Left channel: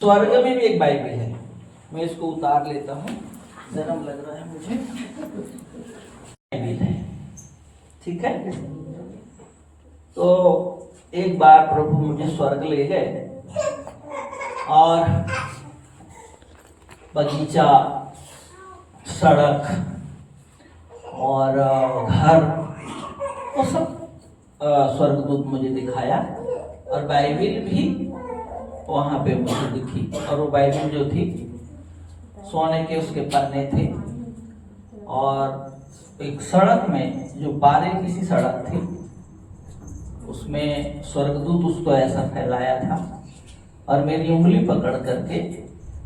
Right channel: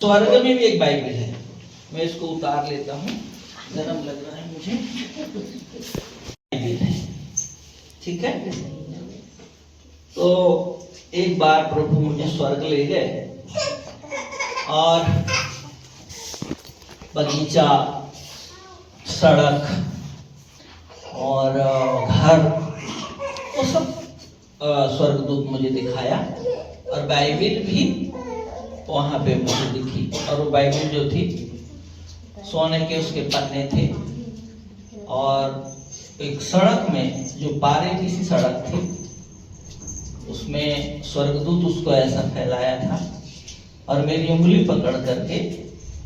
स्वर्ग में भी एक बाइबिल है, मैं इसको उतार लेता हूँ, जन्म लग रहा है मुझे। बाइबिल है, ठीक है। तो एक बार प्रभु मुझे स्वर्ग ले गए और बगीचा, सड़क और घर, वो सब स्वर्गदूत मुझे दिखाया और बाइबिल भी वहाँ पे मुझे दिखी। और वो बाइबिल जो थी सोने के उसके पन्ने थे और एक सड़क में जो बारीकी सी सड़क थी उसमें स्वर्गदूत उसको ऐसा फैलाया था और मेरी उंगली पकड़ करके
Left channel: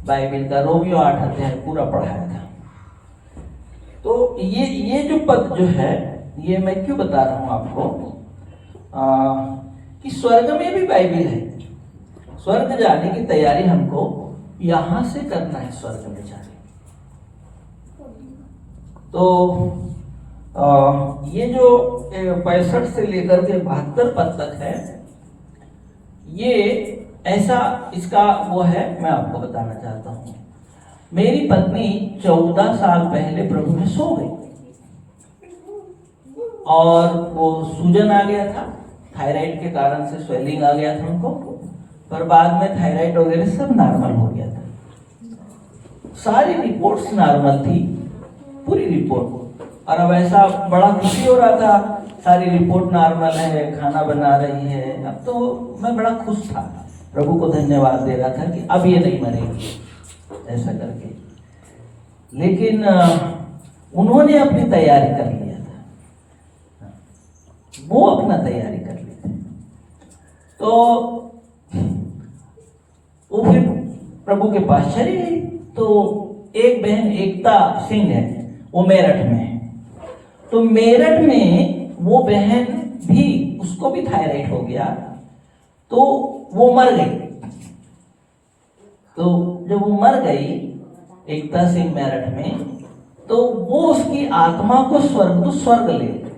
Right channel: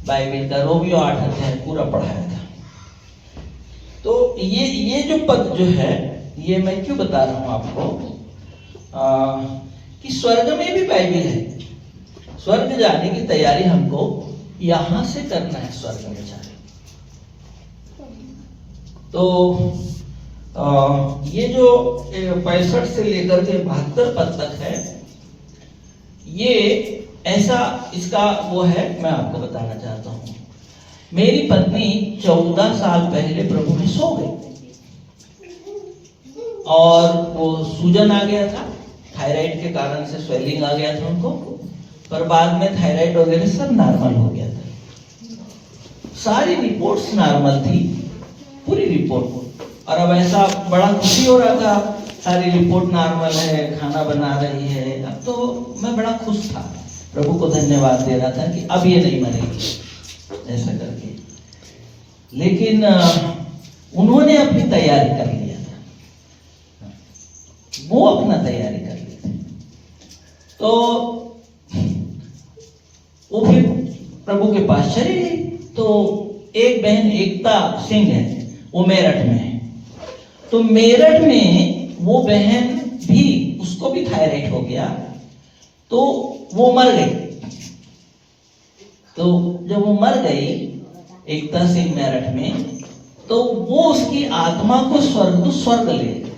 बाइबिल का रोमियो 8 अध्याय पूरा पढ़ाया था। तो ये जो पद जो है, ये मैं क्यों बता रहा हूँ आपको कि स्वर्ग में भी बाइबिल है। स्वर्ग जाने की तैयारी हमको यहां से करना है, स्वर्ग में जाने। तो ये जो 65 से लेकर के 72 पद तक है, ये ऐसा इसका वो है, मैं आपको बताना चाहता हूं। मेरी पत्नी 14 साल पहले प्रभु में सो गई और वो सूजन आ गया था, थायराइड के कारण से स्वेलिंग आ गया था उनको, पर बाद में थायराइड वगैरह सब नॉर्मल हो गया था। सारी रिपोर्ट्स नॉर्मल थी, पूरी रिपोर्ट। और अब ऐसा बड़ा खुशी हो रहा था, सारी रिपोर्ट नॉर्मल है, खाना बना रही है। अब तो मैं बड़ा खुश था, प्रभु को धन्यवाद दे रहा था कि अब ये नहीं मरेगी ऐसा करके। लेकिन उन्होंने अपनी तैयारी कर लिया था, वो अपना तैयारी कर ली थी। तो वो फिर प्रभु के पास चली गई। तो एक बहन एकता सिंह है, वो मेरठ में है। तो मेरठ में वो बहन भी, उसको भी थायराइड हो गया, तो वो मर गई। तो जब वो मर गई एकता सिंह मेरठ में, तो वो उसकी आत्मा को स्वर्ग ले गए।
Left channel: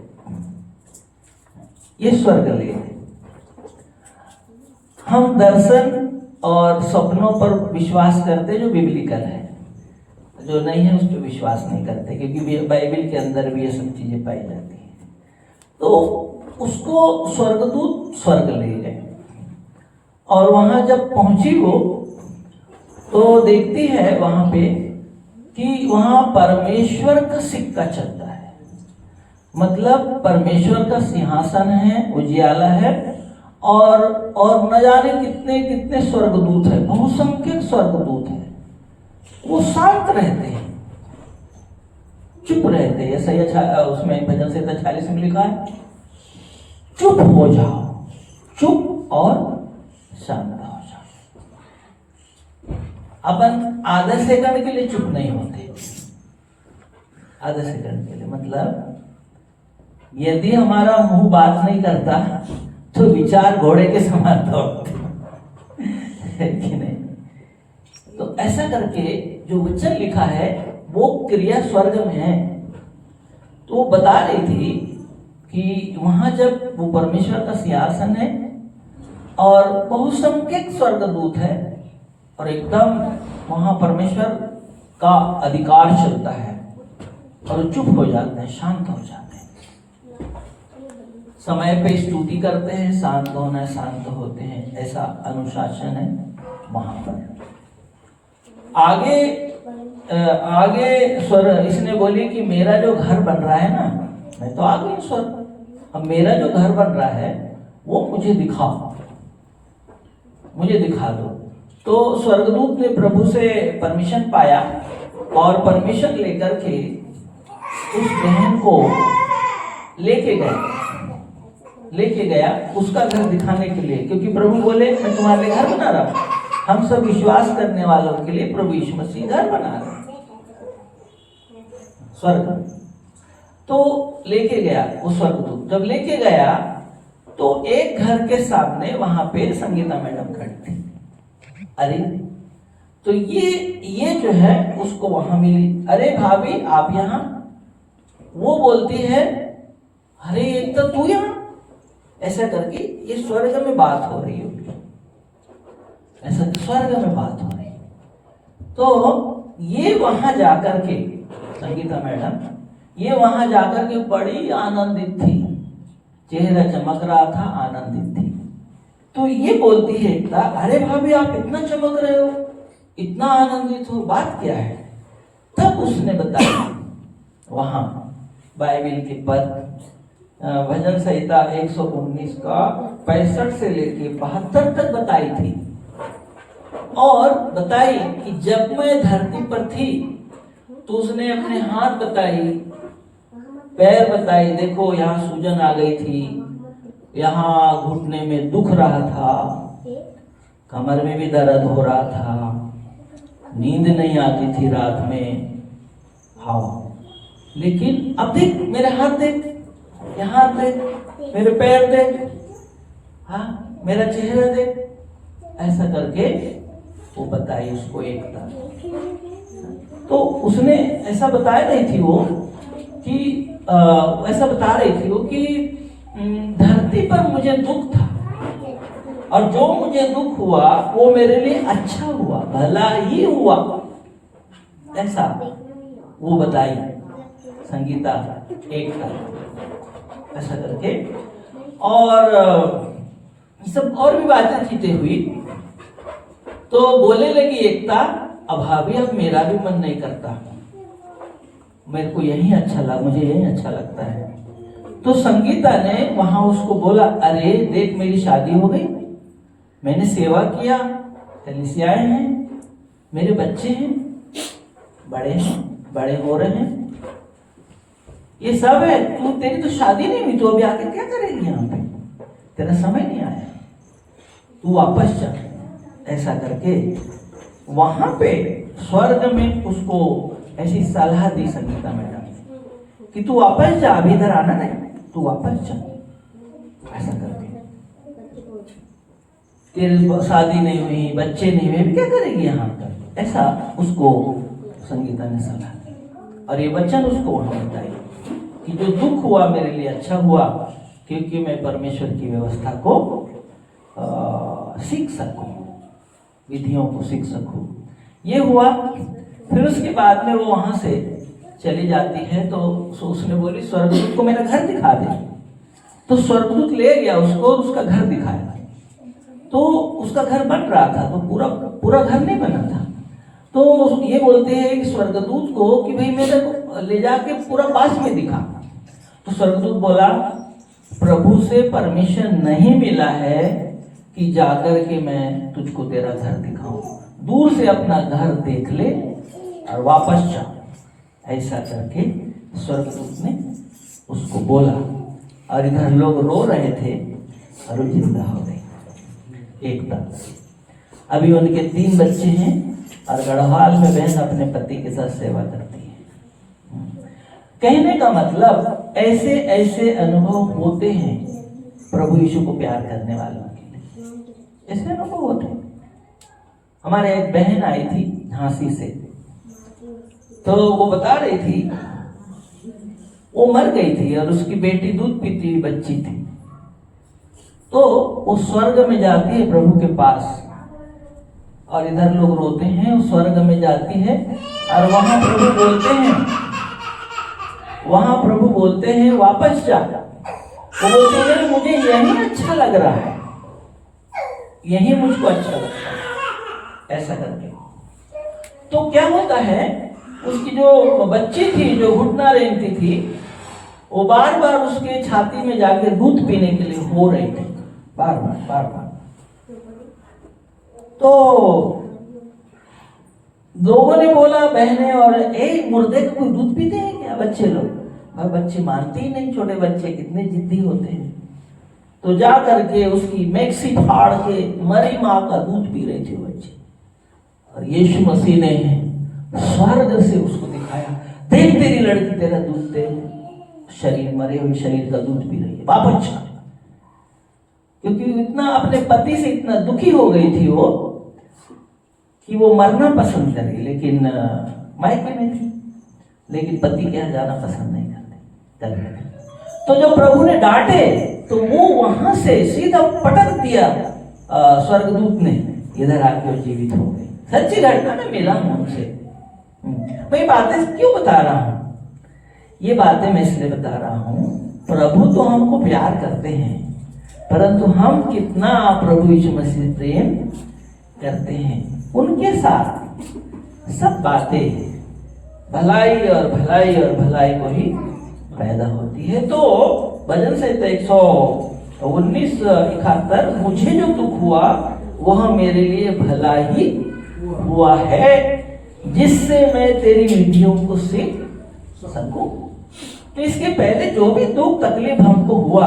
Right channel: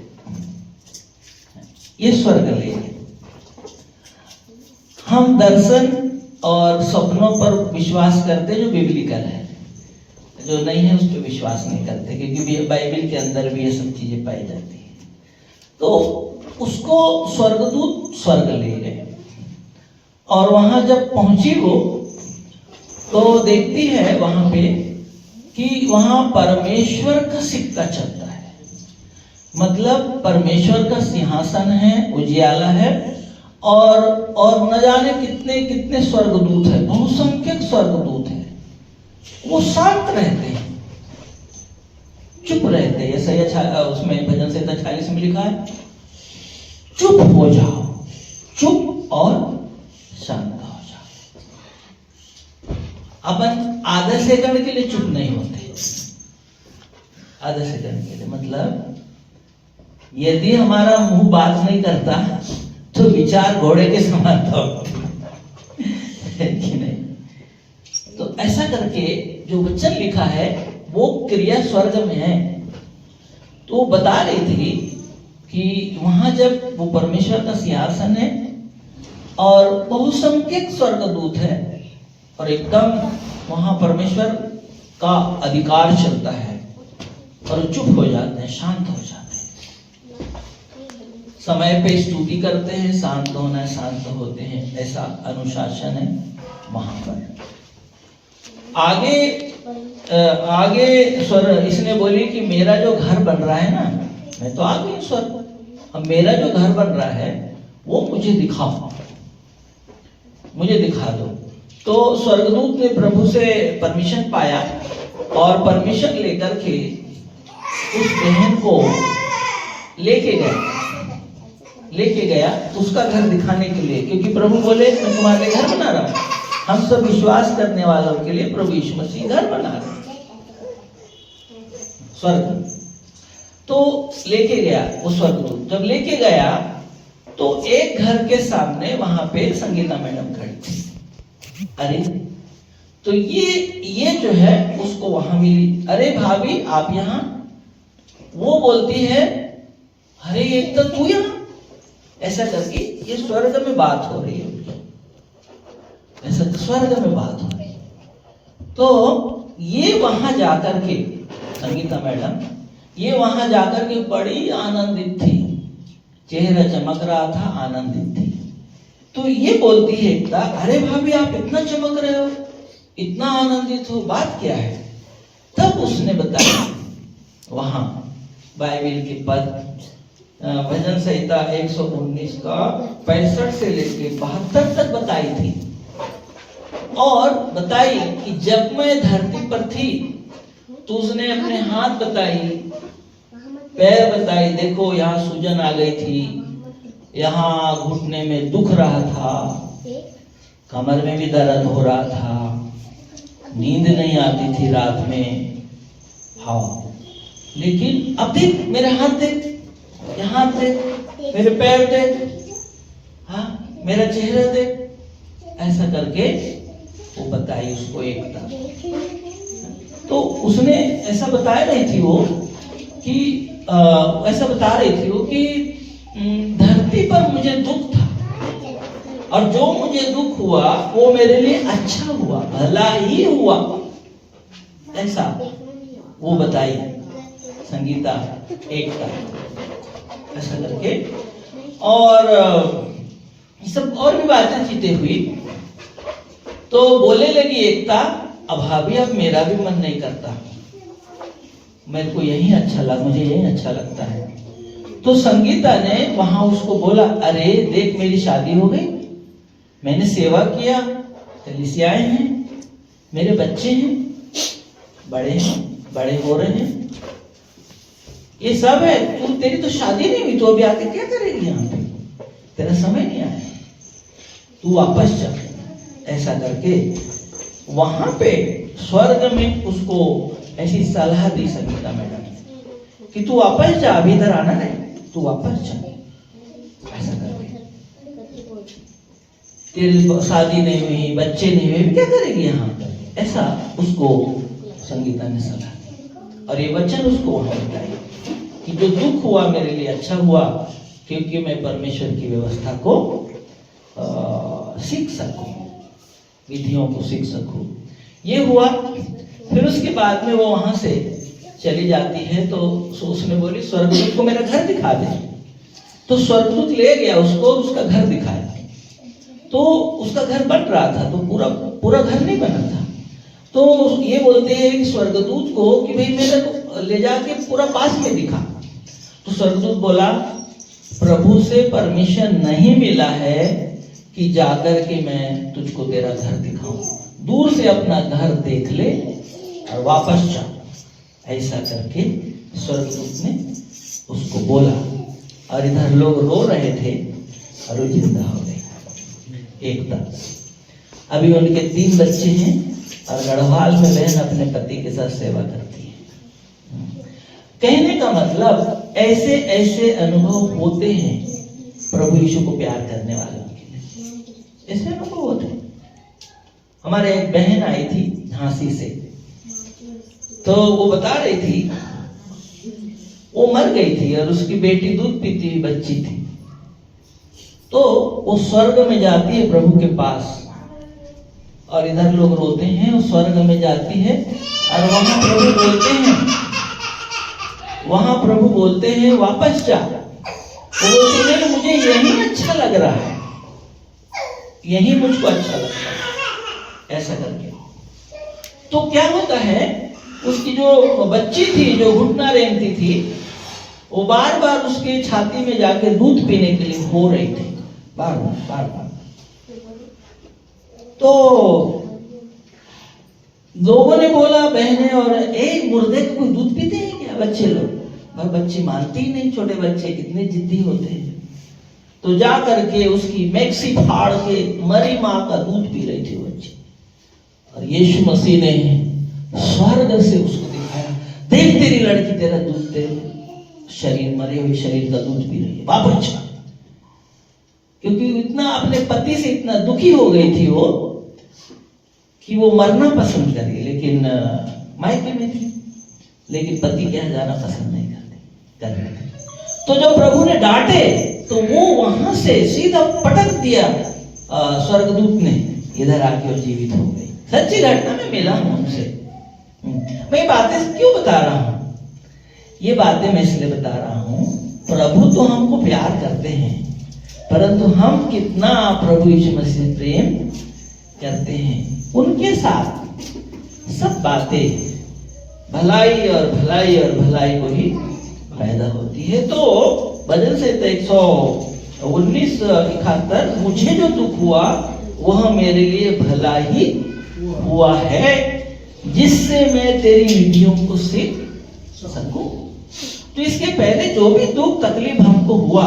ये स्वर्ग ले गए। हम दर्शन और सपनों पर विश्वास करते जो बिब्लिकल है, जो नहीं है उस पर विश्वास नहीं करते, क्योंकि बाइबिल के अंदर भी ये सब चीजें पाई जाती है। तो उसको स्वर्गदूत स्वर्ग ले गए और वहां जब पहुंची वो, तो देखती है वहां पे कि वहां परमेश्वर का सिक्का चलता है। मतलब परमेश्वर का सिंहासन है, उजियाला है, और न जाने कितने कितने स्वर्गदूत है, बहुसंख्यक स्वर्गदूत है। वो शांत रहते हैं, चुप रहते हैं। ऐसा उसमें भजन संहिता 46 में लिखा है, चुप हो जाओ, चुप और शांत हो जाओ। अपन आधा सेकंड के लिए चुप नहीं होते। आधा सेकंड के लिए मतलब यदि हमारा मुंह बात नहीं करता तो विचार घोड़े के समान है कि नहीं। तो ऐसा करके जो वचन लिखा है वो क्रिया स्वर्ग में है। तो बता रही थी कि वहां जब वो परमेश्वर का सिंहासन है और बहुसंख्यक स्वर्गदूत है और एकदम वहां परमेश्वर का अधिकार चलता है और चुप हो जाते हैं, शांत हो जाते हैं, समय पे स्तुति करते हैं, शांत होना है, शांत होते हैं, ऐसा अनुशासन है वहां पर। आगे स्वर इसने बोली कि मेरा जो घर बन रहा है ना, मैं तो आ गई स्वर, अब मेरा जो घर बन रहा है वो मुझे दिखाओ, मुझे दिखा दो। तो स्वर्गदूत ने प्रभु से परमिशन पाया और परमिशन लेकर के उस बहन को लेके गया उसका घर दिखाने के लिए, क्योंकि प्रभु बोले मैं तुम्हारे लिए घर बना रहा हूं। हम सब विश्वास करने वालों के लिए प्रभु यीशु मसीह घर बना रहे स्वर्ग। तो लेके गया वो स्वर्गदूत। जब लेके गया तो एक घर के सामने वहां पे संगीता मैडम खड़ी थी। अरे तो ये जो है उसको वहां मिली, अरे भाभी आप यहाँ। वो बोलती है अरे एक तो तू यहाँ, ऐसा करके ये स्वर्ग में बात हो रही है, ऐसा स्वर्ग में बात हो तो ये वहां जाकर के संगीता मैडम, ये वहां जाकर के बड़ी आनंदित थी, चेहरा चमक रहा था, आनंदित थी। तो ये बोलती है एकता, अरे भाभी आप इतना चमक रहे हो, इतना आनंदित हो, बात क्या है? तब उसने बताया वहां बाइबिल के पद, भजन संहिता 119 का 65 से लेके 72 तक बताई थी। और बताई कि जब मैं धरती पर थी तो उसने अपने हाथ बताई, पैर बताई, देखो यहाँ सूजन आ गई थी, यहाँ घुटने में दुख रहा था, कमर में भी दर्द हो रहा था, नींद नहीं आती थी रात में। हाँ, लेकिन अब देख मेरे हाथ देख, यहाँ देख, मेरे पैर देख, हाँ मेरा चेहरा देख, ऐसा करके वो बताई उसको एकता। तो उसने ऐसा बताया नहीं थी वो कि ऐसा बता रही थी वो कि धरती पर मुझे दुख था और जो मुझे दुख हुआ वो मेरे लिए अच्छा हुआ, भला ही हुआ, ऐसा वो बताई संगीता एकता, ऐसा करके। और सब और भी बातें चीतें हुई। तो बोलने लगी एकता, अब भाभी अब मेरा भी मन नहीं करता, मेरे को यही अच्छा लगा, मुझे यही अच्छा लगता है। तो संगीता ने वहां उसको बोला, अरे देख मेरी शादी हो गई, मैंने सेवा किया, कलीसियाएं हैं, मेरे बच्चे हैं, बड़े हो रहे हैं, ये सब है, तू तेरी तो शादी नहीं हुई, तो अभी आके क्या करेगी यहाँ पे, तेरा समय नहीं आया, तू वापस जा। ऐसा करके वहां पे स्वर्ग में उसको ऐसी सलाह दी संगीता मैडम कि तू वापस जा, अभी इधर आना नहीं, तू वापस जा। ऐसा करके तेरी शादी नहीं हुई, बच्चे नहीं हुए, क्या करेगी यहाँ पर, ऐसा उसको संगीता ने सलाह दी। और ये वचन उसको वहां बताया कि जो दुख हुआ मेरे लिए अच्छा हुआ, क्योंकि मैं परमेश्वर की व्यवस्था को सीख सकूं, विधियों को सीख सकूं। ये हुआ। फिर उसके बाद में वो वहां से चली जाती है। तो उसने बोली स्वर्गदूत को मेरा घर दिखा दे। तो स्वर्गदूत ले गया उसको, उसका घर दिखाया। तो उसका घर बन रहा था, तो पूरा घर नहीं बना था। तो ये बोलते हैं स्वर्गदूत को कि भाई मेरे को ले जाके पूरा पास में दिखा। तो स्वर्गदूत बोला, प्रभु से परमिशन नहीं मिला है कि जाकर के मैं तुझको तेरा घर दिखाऊं, दूर से अपना घर देख ले और वापस जा। ऐसा करके स्वर्गदूत ने उसको बोला। और इधर लोग रो रहे थे और वो जिंदा हो गई एकता। अभी उनके 3 बच्चे हैं और गढ़वाल में बहन अपने पति के साथ सेवा करती है। कहने का मतलब ऐसे ऐसे अनुभव होते हैं प्रभु यीशु को प्यार करने वालों के लिए, ऐसे अनुभव होते हैं। हमारे एक बहन आई थी झांसी से, तो वो बता रही थी वो मर गई थी और उसकी बेटी दूध पीती हुई बच्ची थी। तो वो स्वर्ग में जाती है प्रभु के पास और इधर लोग रोते हैं। वो स्वर्ग में जाती है और वहां प्रभु बोलते हैं वापस जा। वो बोलते हैं मुझे यही अच्छा लग रहा है, यही मुझको अच्छा लगता है, ऐसा करके। तो क्या होता है, उसकी जो बच्ची थी जो घुटना रेंगती थी, वो बार बार उसके छाती में जाके दूध पीने के लिए हो रही थी, बार बार। तो लोगों ने बोला, बहने और एक मुर्दे को कोई दूध पीते हैं क्या बच्चे लोग? पर बच्चे मानते ही नहीं, छोटे बच्चे कितने जिद्दी होते हैं। तो जा करके उसकी मैक्सी फाड़ के मरी माँ का दूध पी रही थी बच्ची। और यीशु मसीह ने स्वर्ग से उसको दिखाया, देख तेरी लड़की तेरा दूध, तेरे शरीर, मरे हुए शरीर का दूध पी रही है, वापस जा। क्योंकि इतना अपने पति से इतना दुखी हो गई थी वो कि वो मरना पसंद करी, लेकिन मायके में थी, लेकिन पति के यहाँ जाना पसंद नहीं करते। तो जब प्रभु ने डांटे तो वो वहां से सीधा पटक दिया स्वर्गदूत ने, इधर आके वो जीवित हो गई। सच्ची घटना में मिला हूं उनसे। मैं बातें क्यों बता रहा हूं? ये बातें मैं इसलिए बता रहा हूं, प्रभु तो हमको प्यार करते हैं, परंतु हम कितना प्रभु यीशु मसीह से प्रेम करते हैं। उनके साथ सब बातें भलाई और भलाई और भलाई को ही पैदा होती है। तो भजन संहिता 119:71, मुझे जो दुख हुआ वह मेरे लिए भला ही हुआ है, जिससे मैं तेरी विधियों को सीख सकूं। तो इसके पहले जो भी दुख तकलीफ हमको हुआ,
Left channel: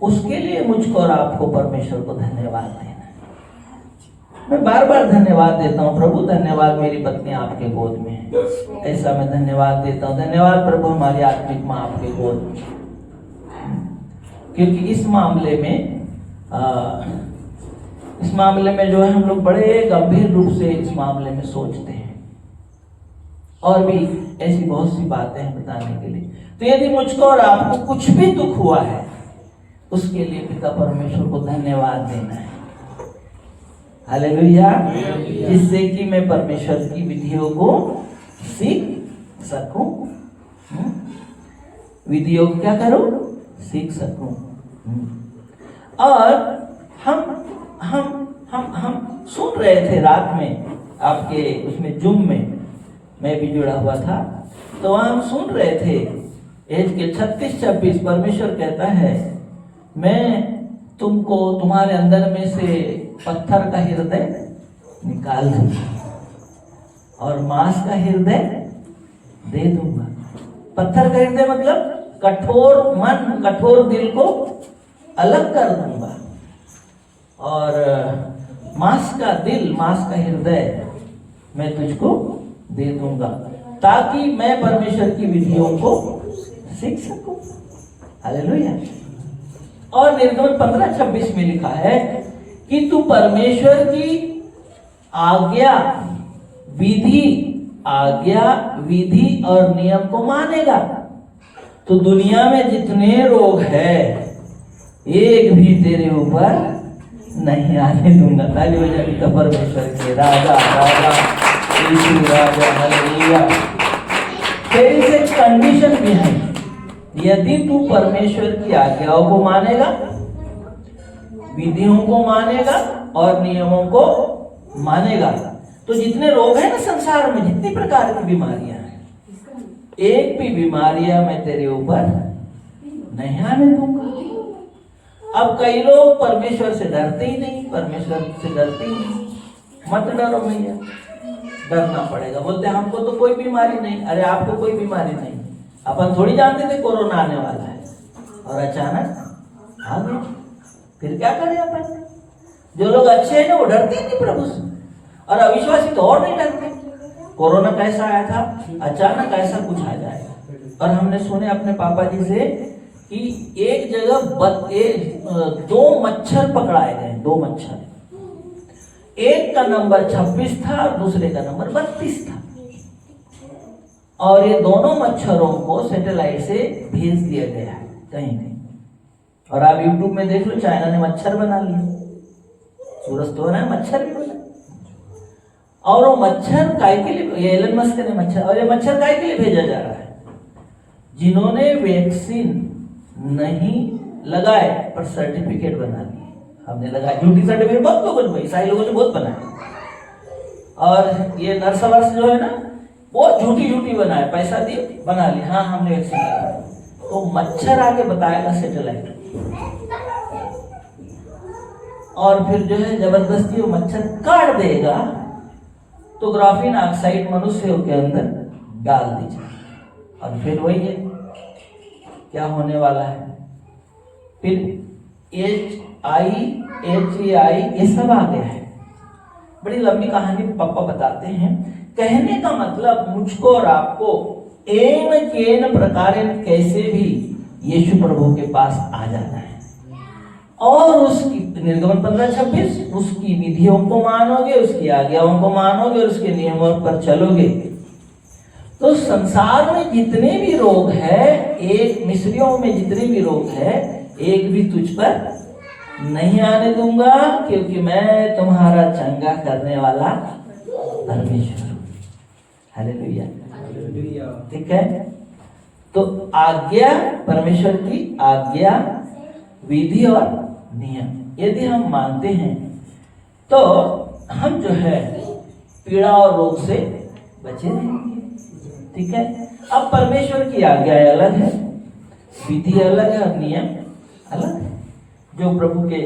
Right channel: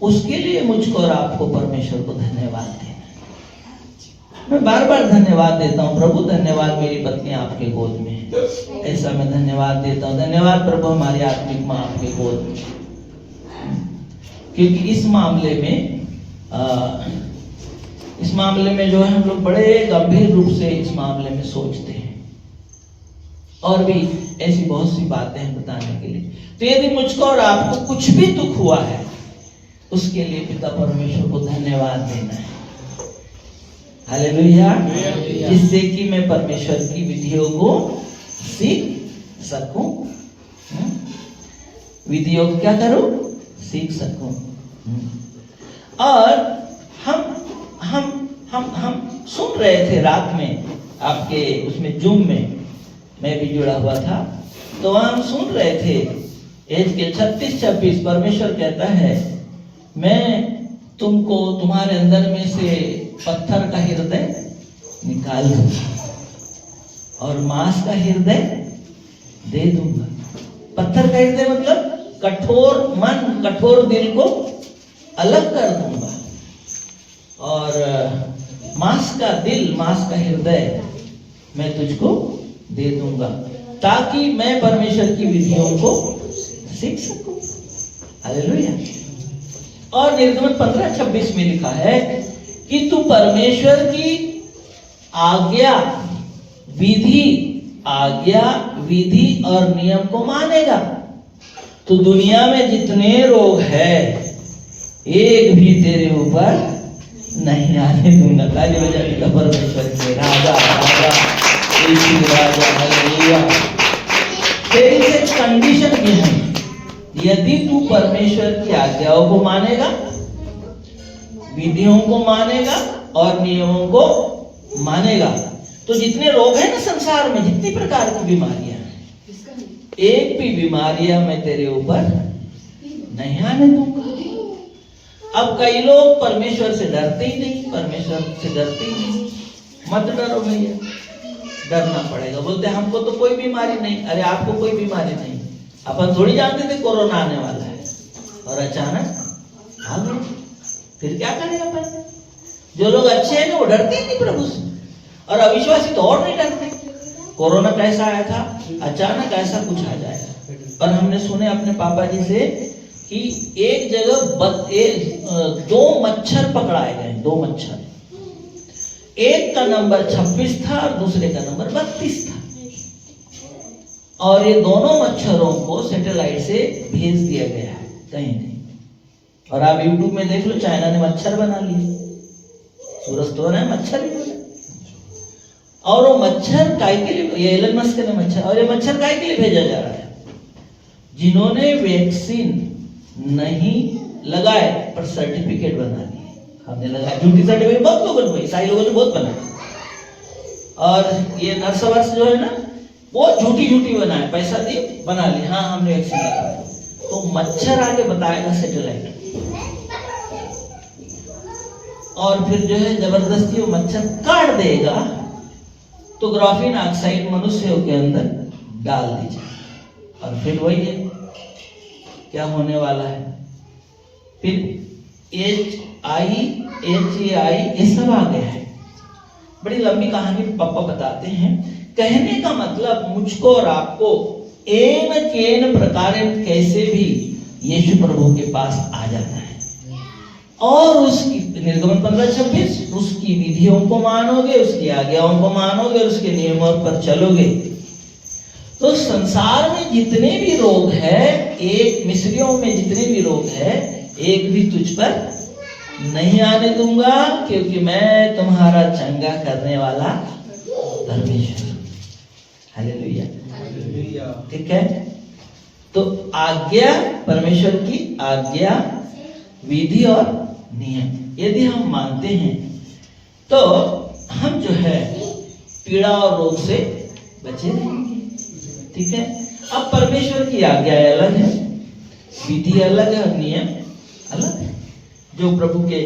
उसके लिए मुझको और आपको परमेश्वर को धन्यवाद देना है। मैं बार बार धन्यवाद देता हूँ, प्रभु धन्यवाद मेरी पत्नी आपके गोद में है, ऐसा मैं धन्यवाद देता हूँ। धन्यवाद प्रभु हमारी आत्मिक माँ आपके गोद में, क्योंकि इस मामले में जो है हम लोग बड़े गंभीर रूप से इस मामले में सोचते हैं, और भी ऐसी बहुत सी बातें हैं बताने के लिए। तो यदि मुझको और आपको कुछ भी दुख हुआ है, उसके लिए पिता परमेश्वर को धन्यवाद देना है। हालेलुया। जिससे कि मैं परमेश्वर की विधियों को सीख सकूं, विधियों को क्या करूं? सीख सकूं। और हम सुन रहे थे रात में आपके उसमें जूम में, मैं भी जुड़ा हुआ था, तो वहां हम सुन रहे थे एज के 36-26 परमेश्वर कहता है, मैं तुमको तुम्हारे अंदर में से पत्थर का हृदय निकाल दूंगा और मांस का हृदय दे दूंगा। पत्थर का हृदय मतलब कठोर मन, कठोर दिल को अलग कर दूंगा, और मांस का दिल, मांस का हृदय मैं तुझको दे दूंगा, ताकि मैं परमेश्वर की विधियों को सीख सकूं। हालेलुया। और निर्गमन 15:26 में लिखा है कि तू परमेश्वर की आज्ञा, विधि और नियम को मानेगा, तो दुनिया में जितने रोग है एक भी तेरे ऊपर नहीं आने दूंगा। ताली बजा पिता परमेश्वर के राजा यीशु राजा। हालेलुया। तेरी से कंडीशन भी है, यदि तू परमेश्वर की आज्ञाओं को मानेगा, विधियों को मानेगा और नियमों को मानेगा, तो जितने रोग हैं ना संसार में, जितनी प्रकार की बीमारियां हैं, एक भी बीमारियां मैं तेरे ऊपर नहीं आने दूंगा। अब कई लोग परमेश्वर से डरते ही नहीं, परमेश्वर से डरते ही नहीं। मत डरो भैया, डरना पड़ेगा। बोलते हमको तो कोई बीमारी नहीं। अरे आपको कोई बीमारी नहीं, अपन थोड़ी जानते थे कोरोना आने वाला है, और अचानक आ गया। फिर क्या करें अपन? जो लोग अच्छे हैं ना वो डरते ही नहीं प्रभु से, और अविश्वासी तो और नहीं डरते। कोरोना कैसा आया था, अचानक ऐसा कुछ आ जाएगा। और हमने सुने अपने पापा जी से कि एक जगह 2 मच्छर पकड़ाए गए, 2 मच्छर, एक का नंबर 26 था और दूसरे का नंबर 32 था, और ये दोनों मच्छरों को सैटेलाइट से भेज दिया गया है कहीं नहीं। और आप YouTube में देख लो, चाइना ने मच्छर बना लिए, सूरज तो है मच्छर भी बना। और वो मच्छर काय के लिए, ये एलन मस्क ने मच्छर, और ये मच्छर काय के लिए भेजा जा रहा है? जिन्होंने वैक्सीन नहीं लगाए पर सर्टिफिकेट बना लिए। हमने लगाया झूठी सर्टिफिकेट, बहुत लोगों ने, ईसाई लोगों ने बहुत बनाया। और ये नर्सवर्स जो है ना, वो झूठी बनाए, पैसा दिए बना ली, हाँ हमने वैक्सीन लगाया। तो मच्छर आके बताएगा सैटेलाइट, और फिर जो है जबरदस्ती वो मच्छर काट देगा, तो ग्राफीन ऑक्साइड मनुष्यों के अंदर डाल दीजिए, और फिर वही है क्या होने वाला है। फिर HIHAI ये सब आ गया है। बड़ी लंबी कहानी पापा बताते हैं। कहने का मतलब मुझको और आपको एन केन प्रकार कैसे भी यीशु प्रभु के पास आ जाना है, और उसकी निर्गमन 15:26 उसकी विधियों को मानोगे, उसकी आज्ञाओं को मानोगे और उसके नियमों पर चलोगे, तो संसार में जितने भी रोग है, एक मिस्रियों में जितने भी रोग है, एक भी तुझ पर नहीं आने दूंगा, क्योंकि मैं तुम्हारा चंगा करने वाला परमेश्वर। हालेलुया। ठीक है, तो आज्ञा, परमेश्वर की आज्ञा, विधि और नियम यदि हम मानते हैं तो हम जो है पीड़ा और रोग से बचे रहेंगे। ठीक है, अब परमेश्वर की आज्ञा अलग है, विधि अलग है और नियम अलग है, जो प्रभु के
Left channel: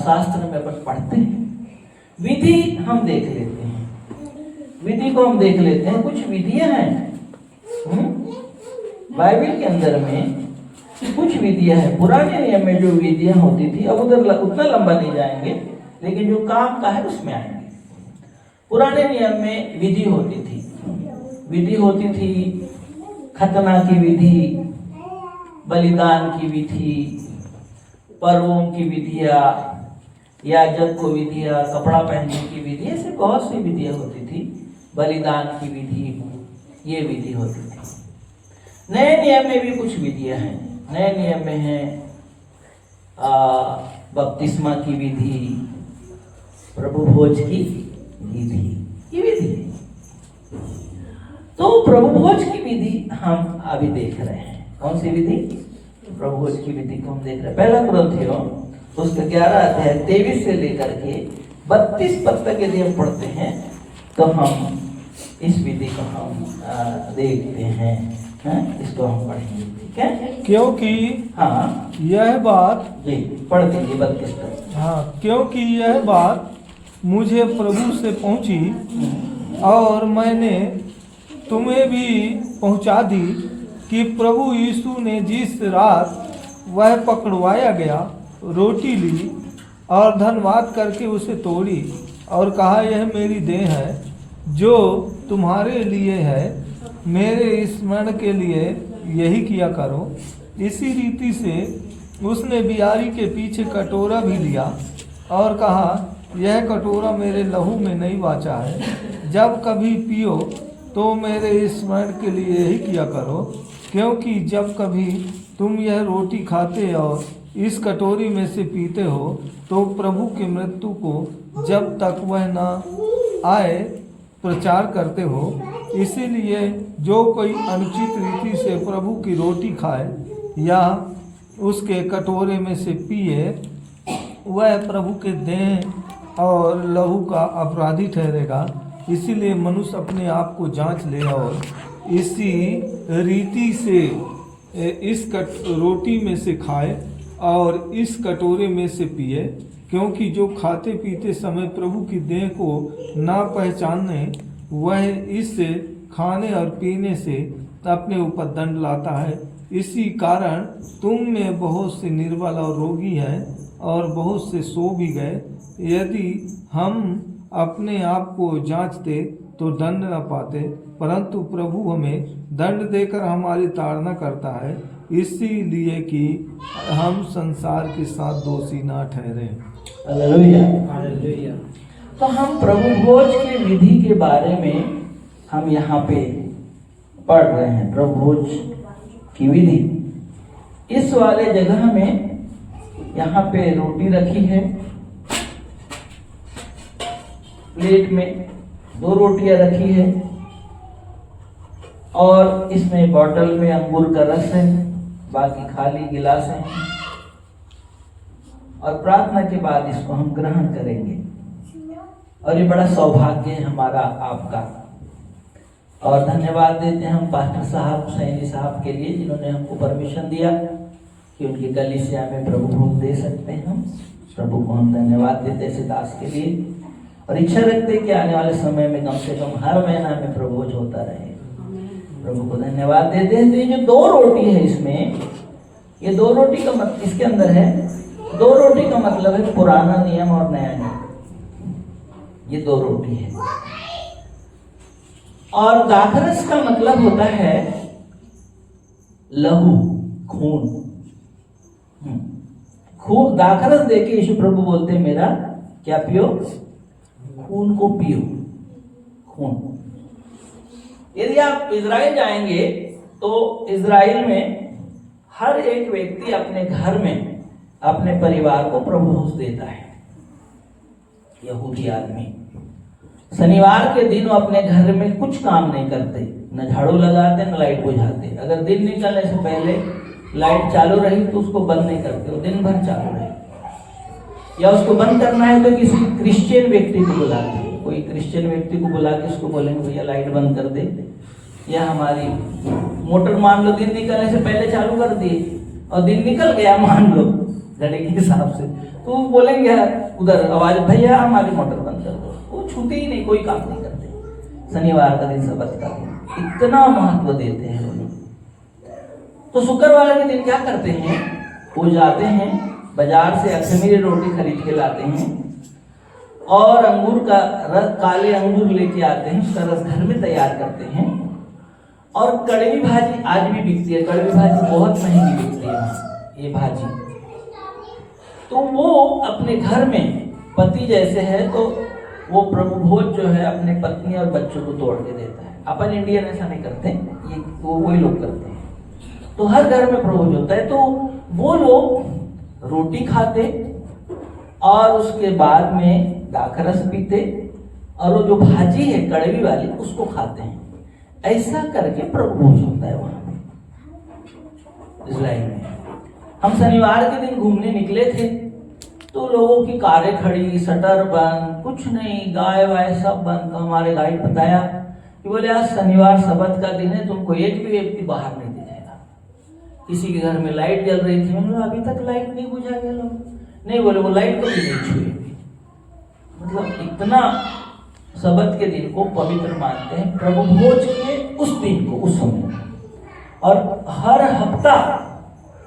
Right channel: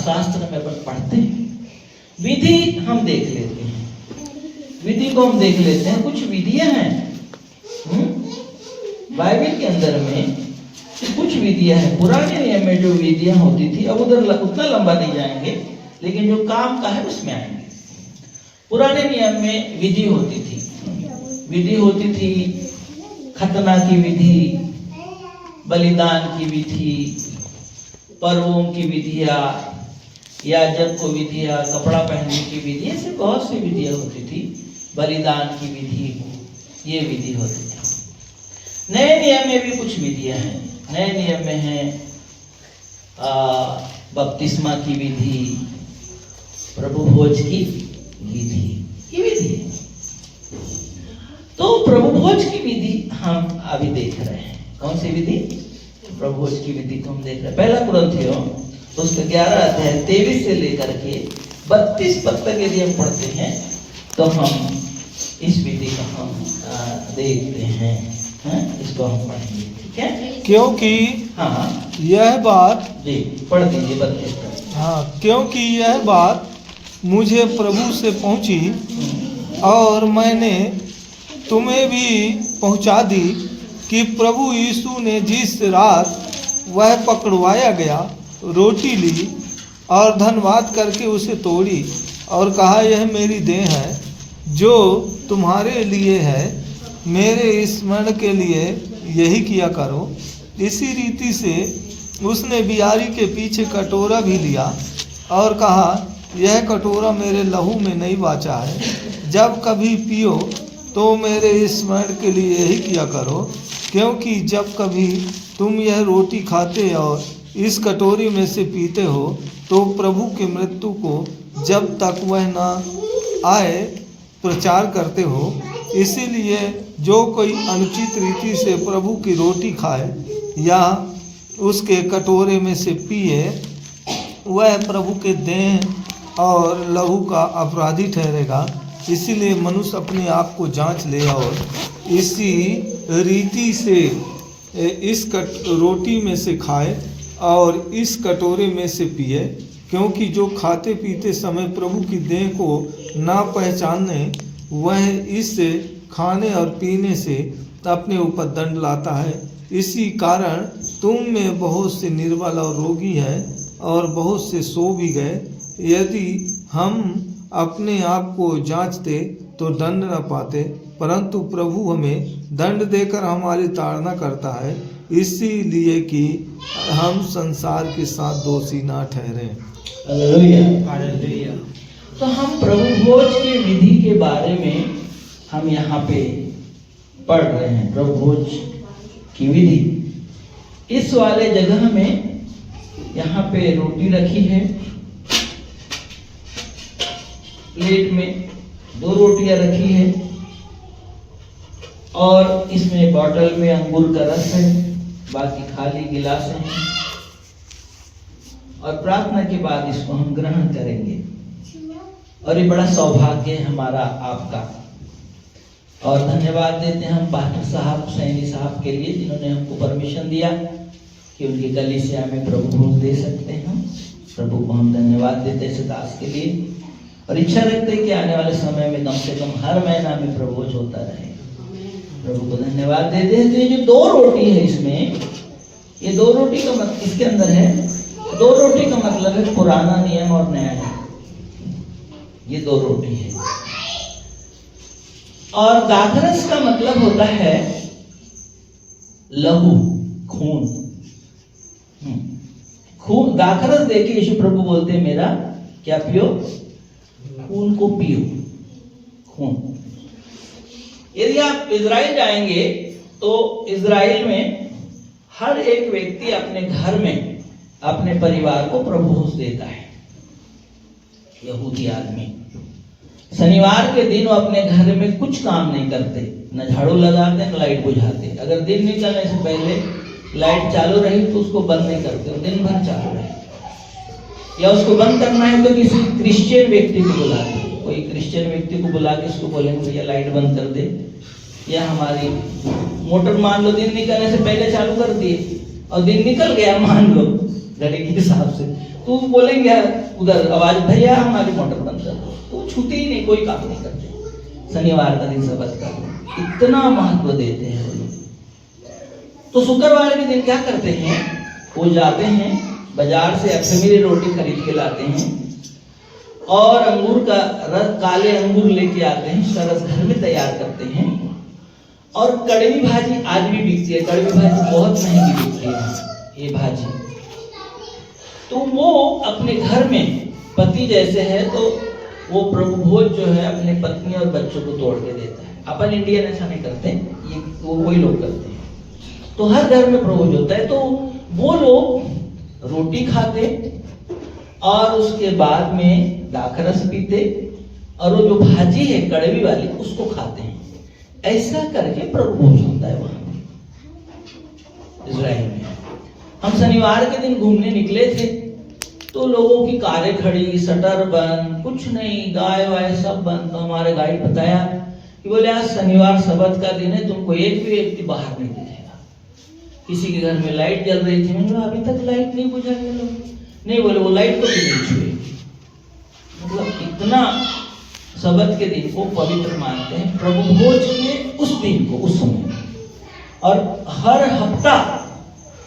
शास्त्र में अपन पढ़ते हैं। विधि हम देख लेते हैं, विधि को हम देख लेते हैं। कुछ विधियां हैं बाइबल के अंदर में, कुछ विधियां हैं। पुराने नियम में जो विधियां होती थी, अब उधर उतना लंबा नहीं जाएंगे, लेकिन जो काम का है उसमें आएंगे। पुराने नियम में विधि होती थी, विधि होती थी खतना की विधि, बलिदान की विधि, पर्वों की विधियां, याजक को विधियां, कपड़ा पहनने की विधि, ऐसे बहुत सी विधियां होती थी। बलिदान की विधि, ये विधि होती थी। नए नियम में भी कुछ विधियां हैं। नए नियम में है बपतिस्मा की विधि, प्रभु भोज की विधि, ये विधि है। तो प्रभु भोज की विधि हम अभी देख रहे हैं। कौन सी विधि? प्रभु भोज की विधि को हम देख रहे हैं। पहला कुरिन्थियों उसका 11 अध्याय 23 से लेकर के 32 पद तक यदि हम पढ़ते हैं तो हम इस विधि को हम देखते हैं। इसको हम पढ़ेंगे। ठीक है, क्योंकि हाँ यह बात, जी पढ़ दीजिए 32 तक। हाँ, क्योंकि यह बात मुझे प्रभु से पहुंची और मैंने तुम्हें भी पहुंचा दी कि प्रभु यीशु ने जिस रात वह पकड़वाया गया रोटी ली और धन्यवाद करके उसे तोड़ी और कहा, यह मेरी देह है जो तुम्हारे लिए है, मेरे स्मरण के लिए यही किया करो। इसी रीति से उसने बियारी के पीछे कटोरा भी लिया और कहा, यह कटोरा मेरे लहू में नहीं वाचा है, जब कभी पियो तो मेरे स्मरण के लिए यही किया करो। क्योंकि जब कभी तुम यह रोटी खाते और इस कटोरी में से पीते हो तो प्रभु की मृत्यु को जब तक वह न आए प्रचार करते हो। इसीलिए जो कोई अनुचित रीति से प्रभु की रोटी खाए या उसके कटोरे में से पिए, वह प्रभु के देह और लहू का अपराधी ठहरेगा। इसीलिए मनुष्य अपने आप को जांच ले और इसी रीति से इस रोटी में से खाए और इस कटोरे में से पिए। क्योंकि जो खाते पीते समय प्रभु की देह को ना पहचाने, वह इस खाने और पीने से अपने ऊपर दंड लाता है। इसी कारण तुम में बहुत से निर्बल और रोगी हैं और बहुत से सो भी गए। यदि हम अपने आप को जांचते तो दंड न पाते, परंतु प्रभु हमें दंड देकर हमारी ताड़ना करता है, इसीलिए कि हम संसार के साथ दोषी ना ठहरे। हालेलुया। तो हम प्रभु भोज की विधि के बारे में हम यहाँ पे पढ़ रहे हैं। प्रभु भोज की विधि, इस वाले जगह में यहाँ पे रोटी रखी है, प्लेट में 2 रोटियां रखी है और इसमें बॉटल में अंगूर का रस है, बाकी खाली गिलास हैं। और प्रार्थना के बाद इसको हम ग्रहण करेंगे और ये बड़ा सौभाग्य है हमारा आपका। और धन्यवाद देते हैं हम पास्टर साहब, सैनी साहब के लिए, जिन्होंने हमको परमिशन दिया कि उनकी कलीसिया में प्रभु भोज दे सकते हैं। हम प्रभु को हम धन्यवाद देते हैं दास के लिए और इच्छा रखते हैं कि आने वाले समय में कम से कम हर महीना में प्रभु भोज होता रहे। प्रभु को धन्यवाद देते हैं। तो ये जो 2 रोटी है इसमें, ये 2 रोटी का मतलब इसके अंदर है, 2 रोटी का मतलब है पुराना नियम और नया नियम। ये 2 रोटी है। और दाखरस का मतलब होता है लहू, खून। खून दाखरस देके यीशु प्रभु बोलते हैं, मेरा क्या पियो? खून को पियो। खून। यदि आप इजराइल जाएंगे तो इजराइल में हर एक व्यक्ति अपने घर में अपने परिवार को प्रभु भोज देता है। यहूदी आदमी शनिवार के दिन वो अपने घर में कुछ काम नहीं करते, न झाड़ू लगाते न लाइट बुझाते। अगर दिन निकलने से पहले लाइट चालू रही तो उसको बंद नहीं करते, वो दिन भर चालू रहे। या उसको बंद करना है तो किसी क्रिश्चियन व्यक्ति को बुलाते, कोई क्रिश्चियन व्यक्ति को बुला के उसको बोलेंगे भैया लाइट बंद कर दे। या हमारी मोटर मान लो दिन निकलने से पहले चालू कर दिए और दिन निकल गया मान लो घड़ी के हिसाब से, तो बोलेंगे उधर आवाज भैया हमारी मोटर बंद कर दो। वो छूते ही नहीं, कोई काम नहीं करते। शनिवार का दिन सबत का इतना महत्व देते हैं। तो शुक्रवार के दिन क्या करते हैं, वो जाते हैं बाजार से अखमीरी रोटी खरीद के लाते हैं और अंगूर का रस, काले अंगूर लेके आते हैं, उसका रस घर में तैयार करते हैं। और कड़वी भाजी आज भी बिकती है, कड़वी भाजी बहुत महंगी बिकती है ये भाजी। तो वो अपने घर में पति जैसे है तो वो प्रभु भोज जो है अपने पत्नी और बच्चों को तोड़ के देता है। अपन इंडियन ऐसा नहीं करते, ये वो वही लोग करते हैं। तो हर घर में प्रभु भोज होता है, तो वो लोग रोटी खाते और उसके बाद में दाखरस पीते और वो जो भाजी है कड़वी वाली उसको खाते हैं। ऐसा करके प्रभु भोज होता है वहां इजराइल में। हम शनिवार के दिन घूमने निकले थे तो लोगों की कारें खड़ी, शटर बंद, कुछ नहीं, गाय वाय सब बंद। तो हमारे गाइड बताया कि बोले आज शनिवार सबत का दिन है, तुमको एक भी व्यक्ति बाहर नहीं दिखेगा। किसी के घर में लाइट जल रही थी, मैंने बोला अभी तक लाइट नहीं बुझा गया लोग, नहीं बोले वो लाइट तो भी नहीं छुए। मतलब इतना सबत के दिन को पवित्र मानते हैं, प्रभु भोज के उस दिन को, उस समय। और हर हफ्ता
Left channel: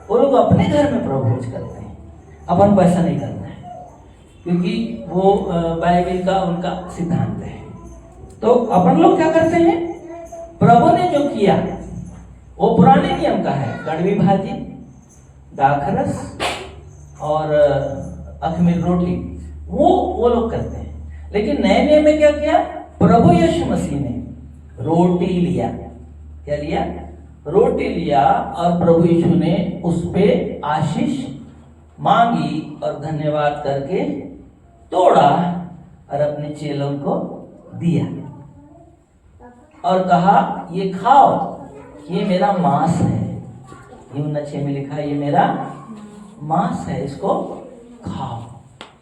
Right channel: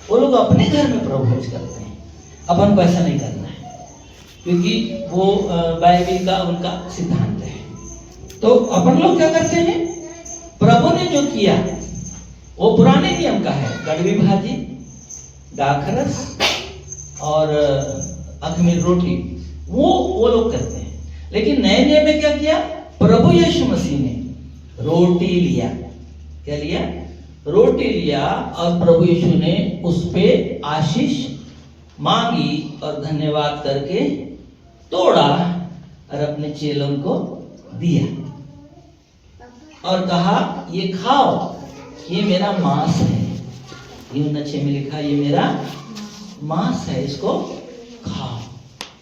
वो लोग अपने घर में प्रभु भोज करते हैं, अपन को ऐसा नहीं करना है, क्योंकि वो बाइबल का उनका सिद्धांत है। तो अपन लोग क्या करते हैं, प्रभु ने जो किया वो पुराने नियम का है, कड़वी भाजी, दाखरस और अखमीर रोटी, वो लोग करते हैं। लेकिन नए नियम में क्या किया, प्रभु यीशु मसीह ने रोटी लिया। क्या लिया, रोटी लिया और प्रभु यीशु ने उस पे आशीष मांगी और धन्यवाद करके तोड़ा और अपने चेलों को दिया और कहा ये खाओ, ये मेरा मांस है। यूहन्ना 6 में लिखा ये मेरा मांस है, इसको खाओ।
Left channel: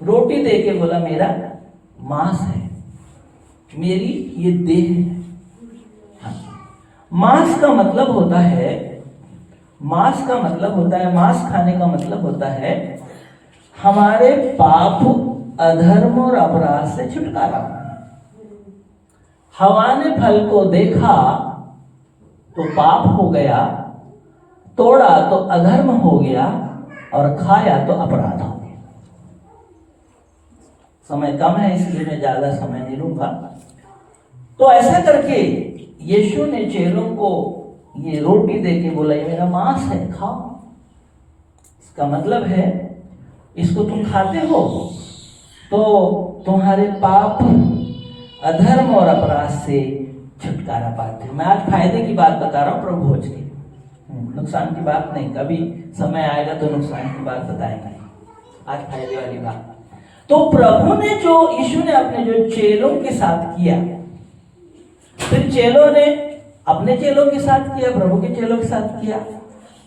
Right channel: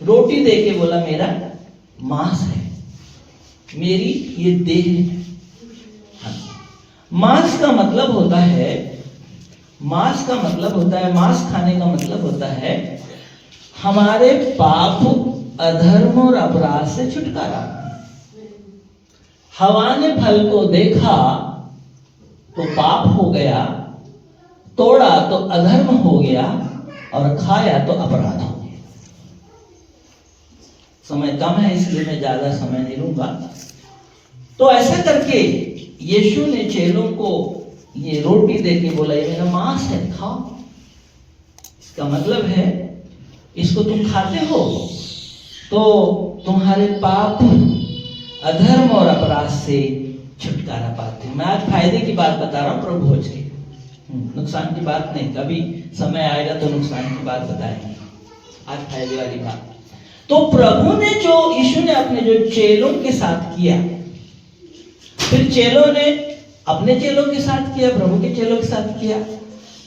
रोटी देके बोला मेरा मांस है, मेरी ये देह है। हाँ। मांस का मतलब होता है, मांस का मतलब होता है, मांस खाने का मतलब होता है हमारे पाप, अधर्म और अपराध से छुटकारा। हवा ने फल को देखा तो पाप हो गया, तोड़ा तो अधर्म हो गया और खाया तो अपराध हो गया। समय कम है इसलिए मैं ज्यादा समय नहीं लूंगा। तो ऐसा करके यीशु ने चेलों को ये रोटी देके बोला ये मेरा मांस है, खाओ। इसका मतलब है इसको तुम खाते हो तो तुम्हारे पाप, अधर्म और अपराध से छुटकारा पाते हो। मैं आज फायदे की बात बता रहा हूँ प्रभु भोज की, नुकसान की बात नहीं। कभी समय आएगा तो नुकसान की बात बताएंगे, आज फायदे वाली बात। तो प्रभु ने जो, यीशु ने अपने जो चेलों के साथ किया, फिर चेलों ने अपने चेलों के साथ किया, प्रभु के चेलों के साथ किया।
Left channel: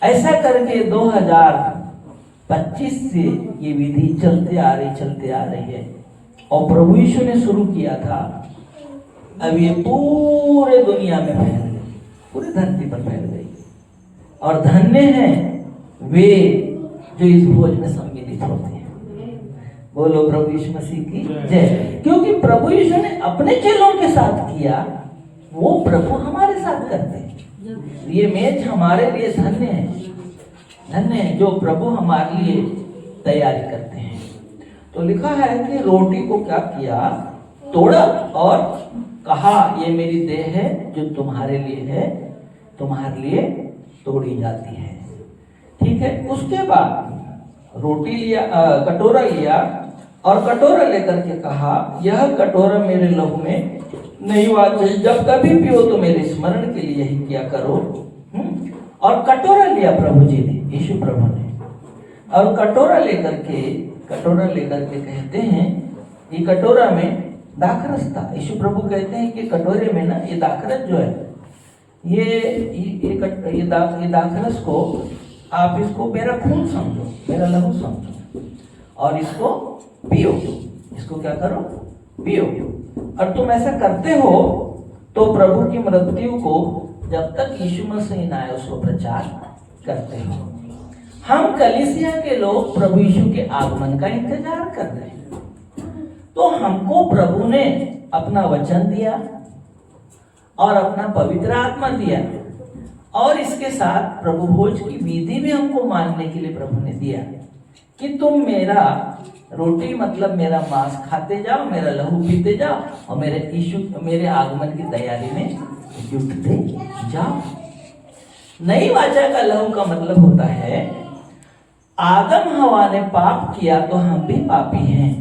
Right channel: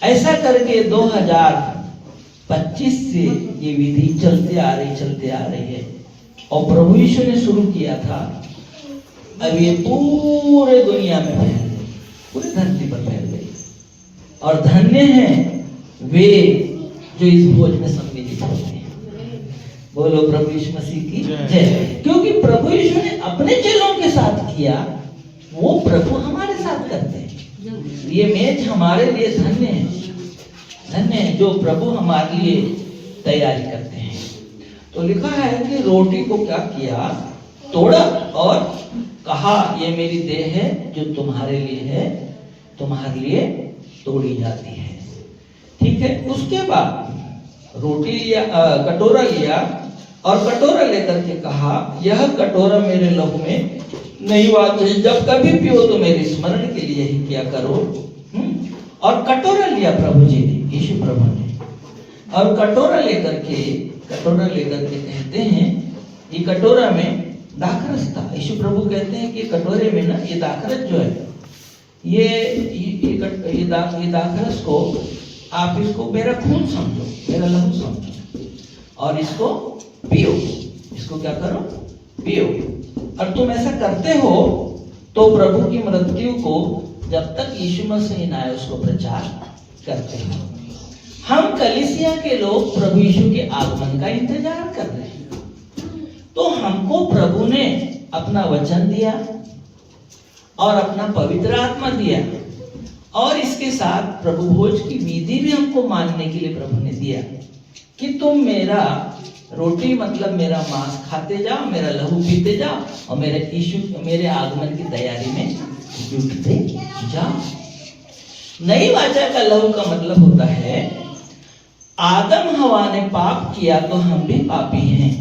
ऐसा करके 2025 से ये विधि चलते आ रही है। और प्रभु यीशु ने शुरू किया था, अब ये पूरे दुनिया में फैल गई, पूरी धरती पर फैल गई। और धन्य हैं वे जो इस भोज में सम्मिलित होते हैं। बोलो प्रभु यीशु मसीह की जय। क्योंकि प्रभु यीशु ने अपने चेलों के साथ किया, वो प्रभु हमारे साथ करते हैं। ये मेज हमारे लिए धन्य है, धन्य है जो प्रभु हमारे लिए तैयारी करते हैं। तो लिखा है कि रोटी को क्या किया, तोड़ा और कहा ये मेरी देह है जो तुम्हारे लिए है, तुम्हारे लिए तोड़ी जाती है। ठीक है। उसके बाद रोटी लिया, कटोरा लिया और कटोरा लेकर के कहा यह कटोरा मेरे लहू में नई बात है, जब कभी पियो तो मेरे स्मरण के लिए ही किया करो। और कटोरा लिया प्रभु जी ने, यीशु प्रभु ने, और कटोरा लेकर के कहते हैं ये कटोरा में दाखरस था। यीशु प्रभु कहते हैं कि कटोरे में ना ये दाखरस जो है, ये दाखरस को आप इसको मेरा खून समझो, मेरा लहू समझो, और इसको पियो। इसको क्या करो? पियो। और तुम ऐसा करते हो तो प्रभु की मृत्यु को जब तक यीशु मसीह ना आए उसको प्रचार करते हो। हम कलीसिया के लोग प्रभु यीशु के आगमन का इंतजार कर रहे हैं। तो हमको प्रभु ने अपना वचन दिया और अपना पवित्र आत्मा दिया, और इसके साथ प्रभु भोज की विधि भी हमको मानने के लिए प्रभु ने दिया कि तुम मेरा रोटी मतलब मेरा मांस खाते जाओ, मेरा लहू पीते जाओ, और मेरे आगमन की तैयारी में जुटते जाओ। नई वाचा का लहू का मतलब होता है आदम हवा ने पाप किया तो हम भी पापी हैं,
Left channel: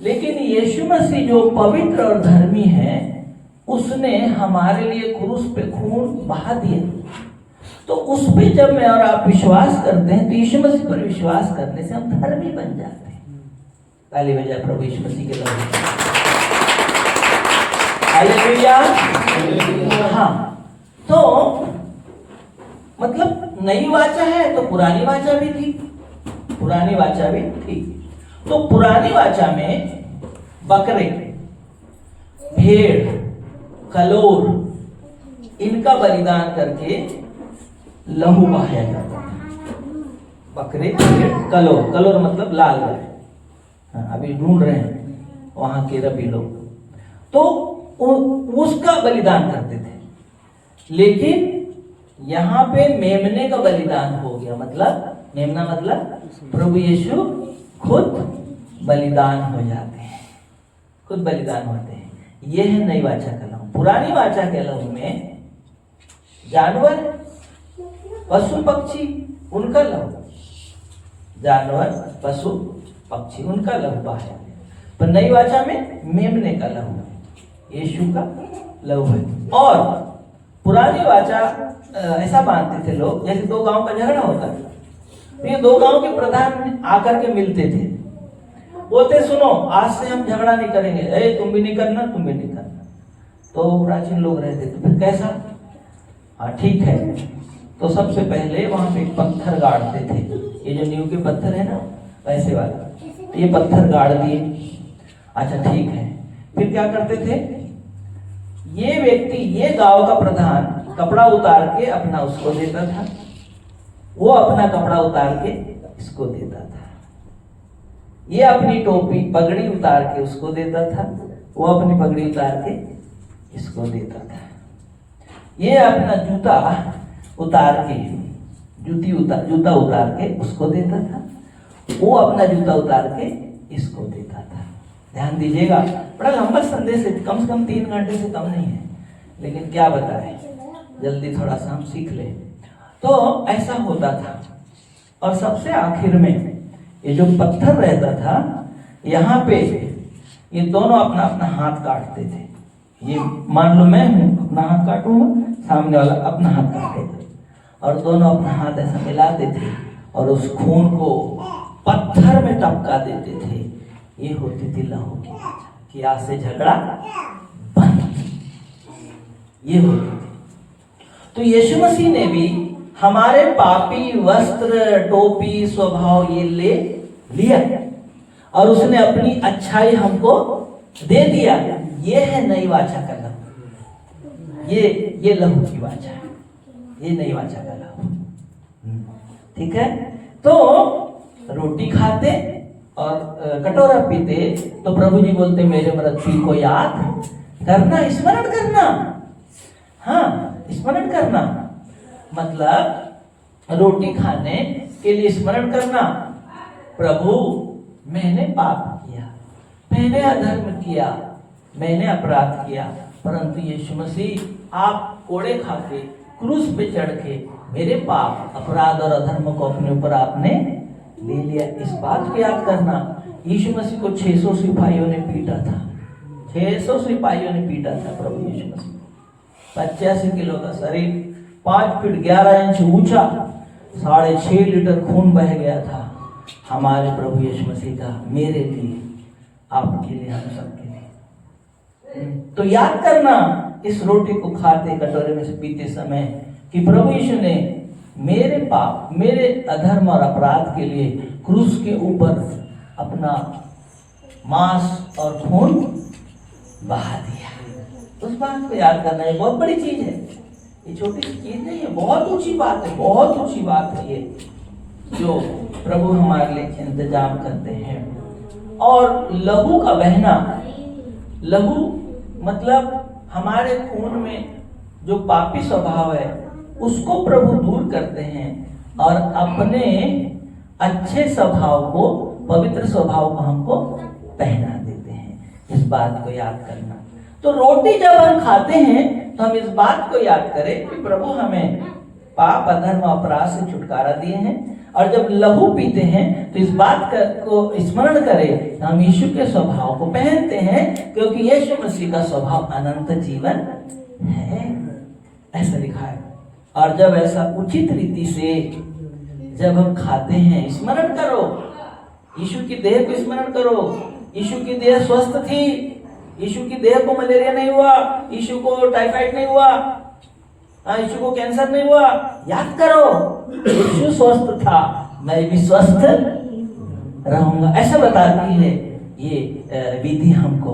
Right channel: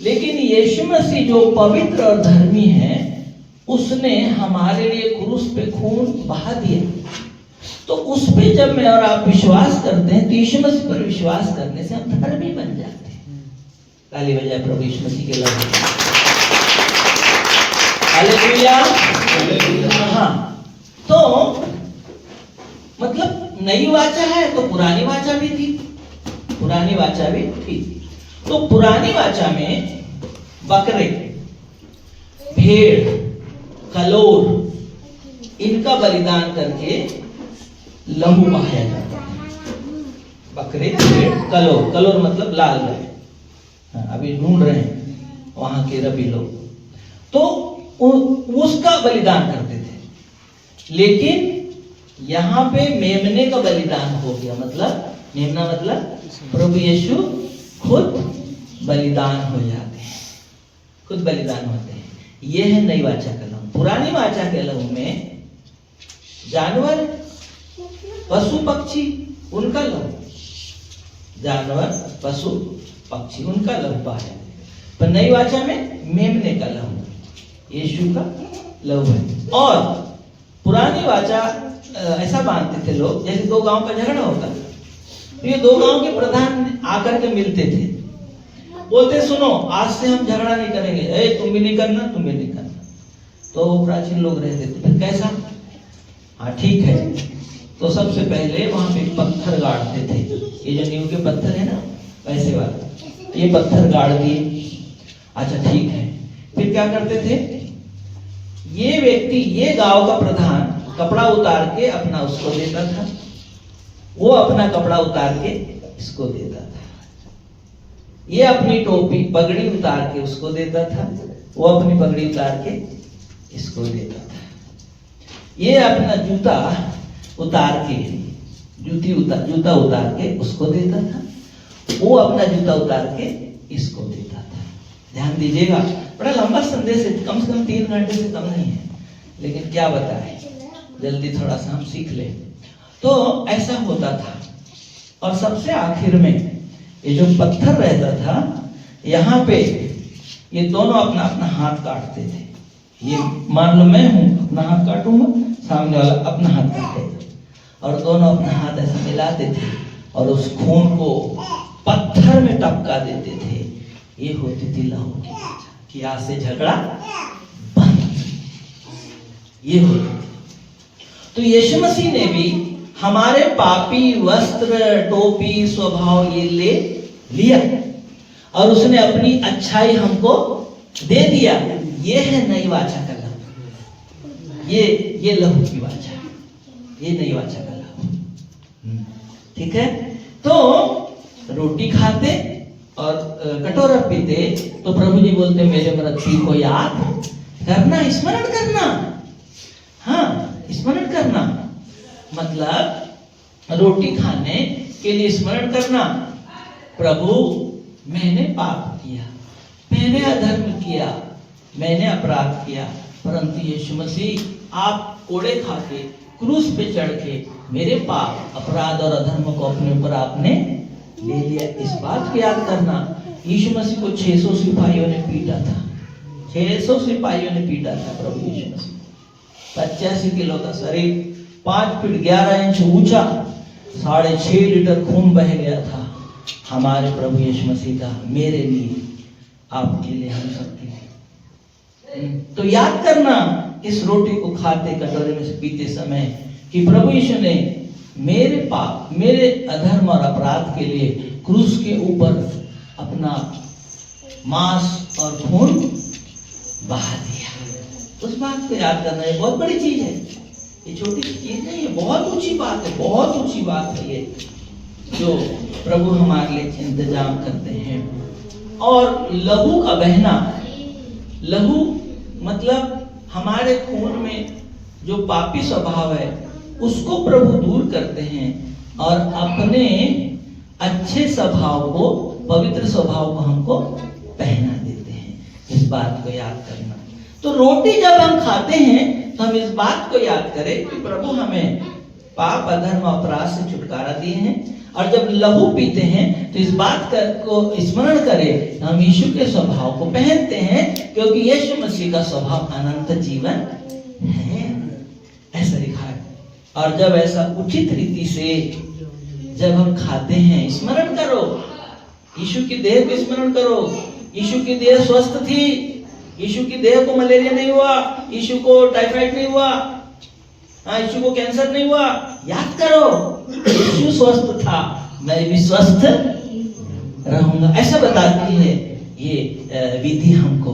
लेकिन यीशु मसीह जो पवित्र और धर्मी है उसने हमारे लिए क्रूस पे खून बहा दिया। तो उस पे जब मैं और आप विश्वास करते हैं तो यीशु मसीह पर विश्वास करने से हम धर्मी बन जाते हैं। ताली बजाए प्रभु यीशु मसीह के लिए। हालेलुया। हाँ, तो मतलब नई वाचा है तो पुरानी वाचा भी थी, पुरानी वाचा भी थी। तो पुरानी वाचा में बकरे, भेड़, कलोर, इनका बलिदान करके लहू बहाया जाता है। बकरे, भेड़, कलोर, कलोर मतलब लाल गाय। अभी ढूंढ रहे हैं वहां के रबी लोग, तो उसका बलिदान करते थे। लेकिन यहाँ पे मेमने का बलिदान हो गया। मतलब मेमना मतलब प्रभु यीशु खुद बलिदान हो जाते हैं, खुद बलिदान होते हैं। ये है नई वाचा का लहू। पुरानी वाचा के लहू में जानवर, पशु पक्षी उनका लहू, जानवर पशु पक्षी उनका लहू बहाया, पर नई वाचा में मेमने का लहू, यीशु का लहू है। और पुरानी वाचा ऐसा मानते थे लोग, जैसे दो गांव का झगड़ा होता है तो ये दो गांव के प्रधान आकर के मिलते थे, बोलते सुनो आज से हम झगड़ा नहीं करेंगे, ए तुम भी नहीं करना, तुम भी नहीं करना। तो वो प्राचीन लोग रहते थे, फिर कैसा? हाँ ठीक है। तो सबसे पहले वहां पे पत्थर गाड़ते थे, ये जो नींव के पत्थर है ना वैसे वाला, तो ये पत्थर गाड़ दिए। अच्छा ठीक है। फिर क्या करते थे? ये व्यक्ति, ये गांव का प्रधान कपड़ा उतार के अपना उसको देता था, वो अपना कपड़ा उतार के इसको देता था, ये अपनी टोपी पगड़ी उतार के उसको देता था, वो अपनी पगड़ी उतार के इसको देता था, ये अपना जूता उतार के जूता उतार के उसको देता था, वो अपना जूता उतार के इसको देता था। ध्यान दीजिएगा, बड़ा लंबा संदेश है, कम से कम 3 घंटे से कम नहीं है, लेकिन क्या बताएं, जल्दी थोड़ा सा हम सीख लें। तो ऐसा होता था। और सबसे आखिर में ये जो पत्थर रहता था, यहाँ पे ये दोनों अपना अपना हाथ काटते थे। ये मान लो मैं हूं, अपना हाथ काटूंगा, सामने वाला अपना हाथ काटेगा, और दोनों अपना हाथ ऐसा मिलाते थे और उस खून को पत्थर में टपका देते थे। ये होती थी लहू की वाचा कि आज से झगड़ा बंद। ये होती थी। तो यीशु मसीह ने भी हमारे पापी वस्त्र, टोपी, स्वभाव ये ले लिया और उसने अपनी अच्छाई हमको दे दिया। ये है नई वाचा का लहू। ये लहू की वाचा है, ये नई वाचा का लहू। ठीक है। तो रोटी खाते और कटोरा पीते तो प्रभु जी बोलते मेरे मृत्यु को याद करना, स्मरण करना। हाँ, स्मरण करना मतलब रोटी खाने के लिए स्मरण करना, प्रभु मैंने पाप किया, मैंने अधर्म किया, मैंने अपराध किया, परंतु यीशु मसीह आप कोड़े खा के क्रूस पे चढ़ के मेरे पाप, अपराध और अधर्म को अपने ऊपर आपने ले लिया। इस बात को याद करना। यीशु मसीह को 600 सिपाहियों ने पीटा था, 600 सिपाहियों ने पीटा था प्रभु यीशु मसीह। 85 किलो का शरीर, 5 फीट 11 इंच ऊंचा, 6.5 लीटर खून बह गया था हमारे प्रभु यीशु मसीह का, मेरे लिए, आपके लिए, हम सबके लिए। तो याद करना इस रोटी को खाते, कटोरे में से पीते समय कि प्रभु यीशु ने मेरे पाप, मेरे अधर्म और अपराध के लिए क्रूस के ऊपर अपना मांस और खून बहा दिया। उस बात को याद करना ये बहुत बड़ी चीज है, ये छोटी सी चीज नहीं है, बहुत ऊंची बात है, बहुत ऊंची बात है ये जो प्रभु हमारे लिए इंतजाम करते हैं। और लहू का बहना, लहू मतलब हमारे खून में जो पापी स्वभाव है उसको प्रभु दूर करते हैं और अपने अच्छे स्वभाव को, पवित्र स्वभाव को हमको पहना देते हैं। इस बात को याद करना। तो रोटी जब हम खाते हैं तो हम इस बात को याद करें कि प्रभु हमें पाप, अधर्म, अपराध से छुटकारा दिए हैं। और जब लहू पीते हैं तो इस बात को स्मरण करें, हम यीशु के स्वभाव को पहनते हैं, क्योंकि यीशु मसीह का स्वभाव अनंत जीवन है, ऐसा लिखा है। और जब ऐसा उचित रीति से जब हम खाते हैं, स्मरण करो, यीशु की देह को स्मरण करो। यीशु की देह स्वस्थ थी, यीशु की देह को मलेरिया नहीं हुआ, यीशु को टाइफाइड नहीं हुआ, यीशु को कैंसर नहीं हुआ। याद करो, यीशु स्वस्थ था, मैं भी स्वस्थ रहूंगा, ऐसा बताती है ये विधि हमको।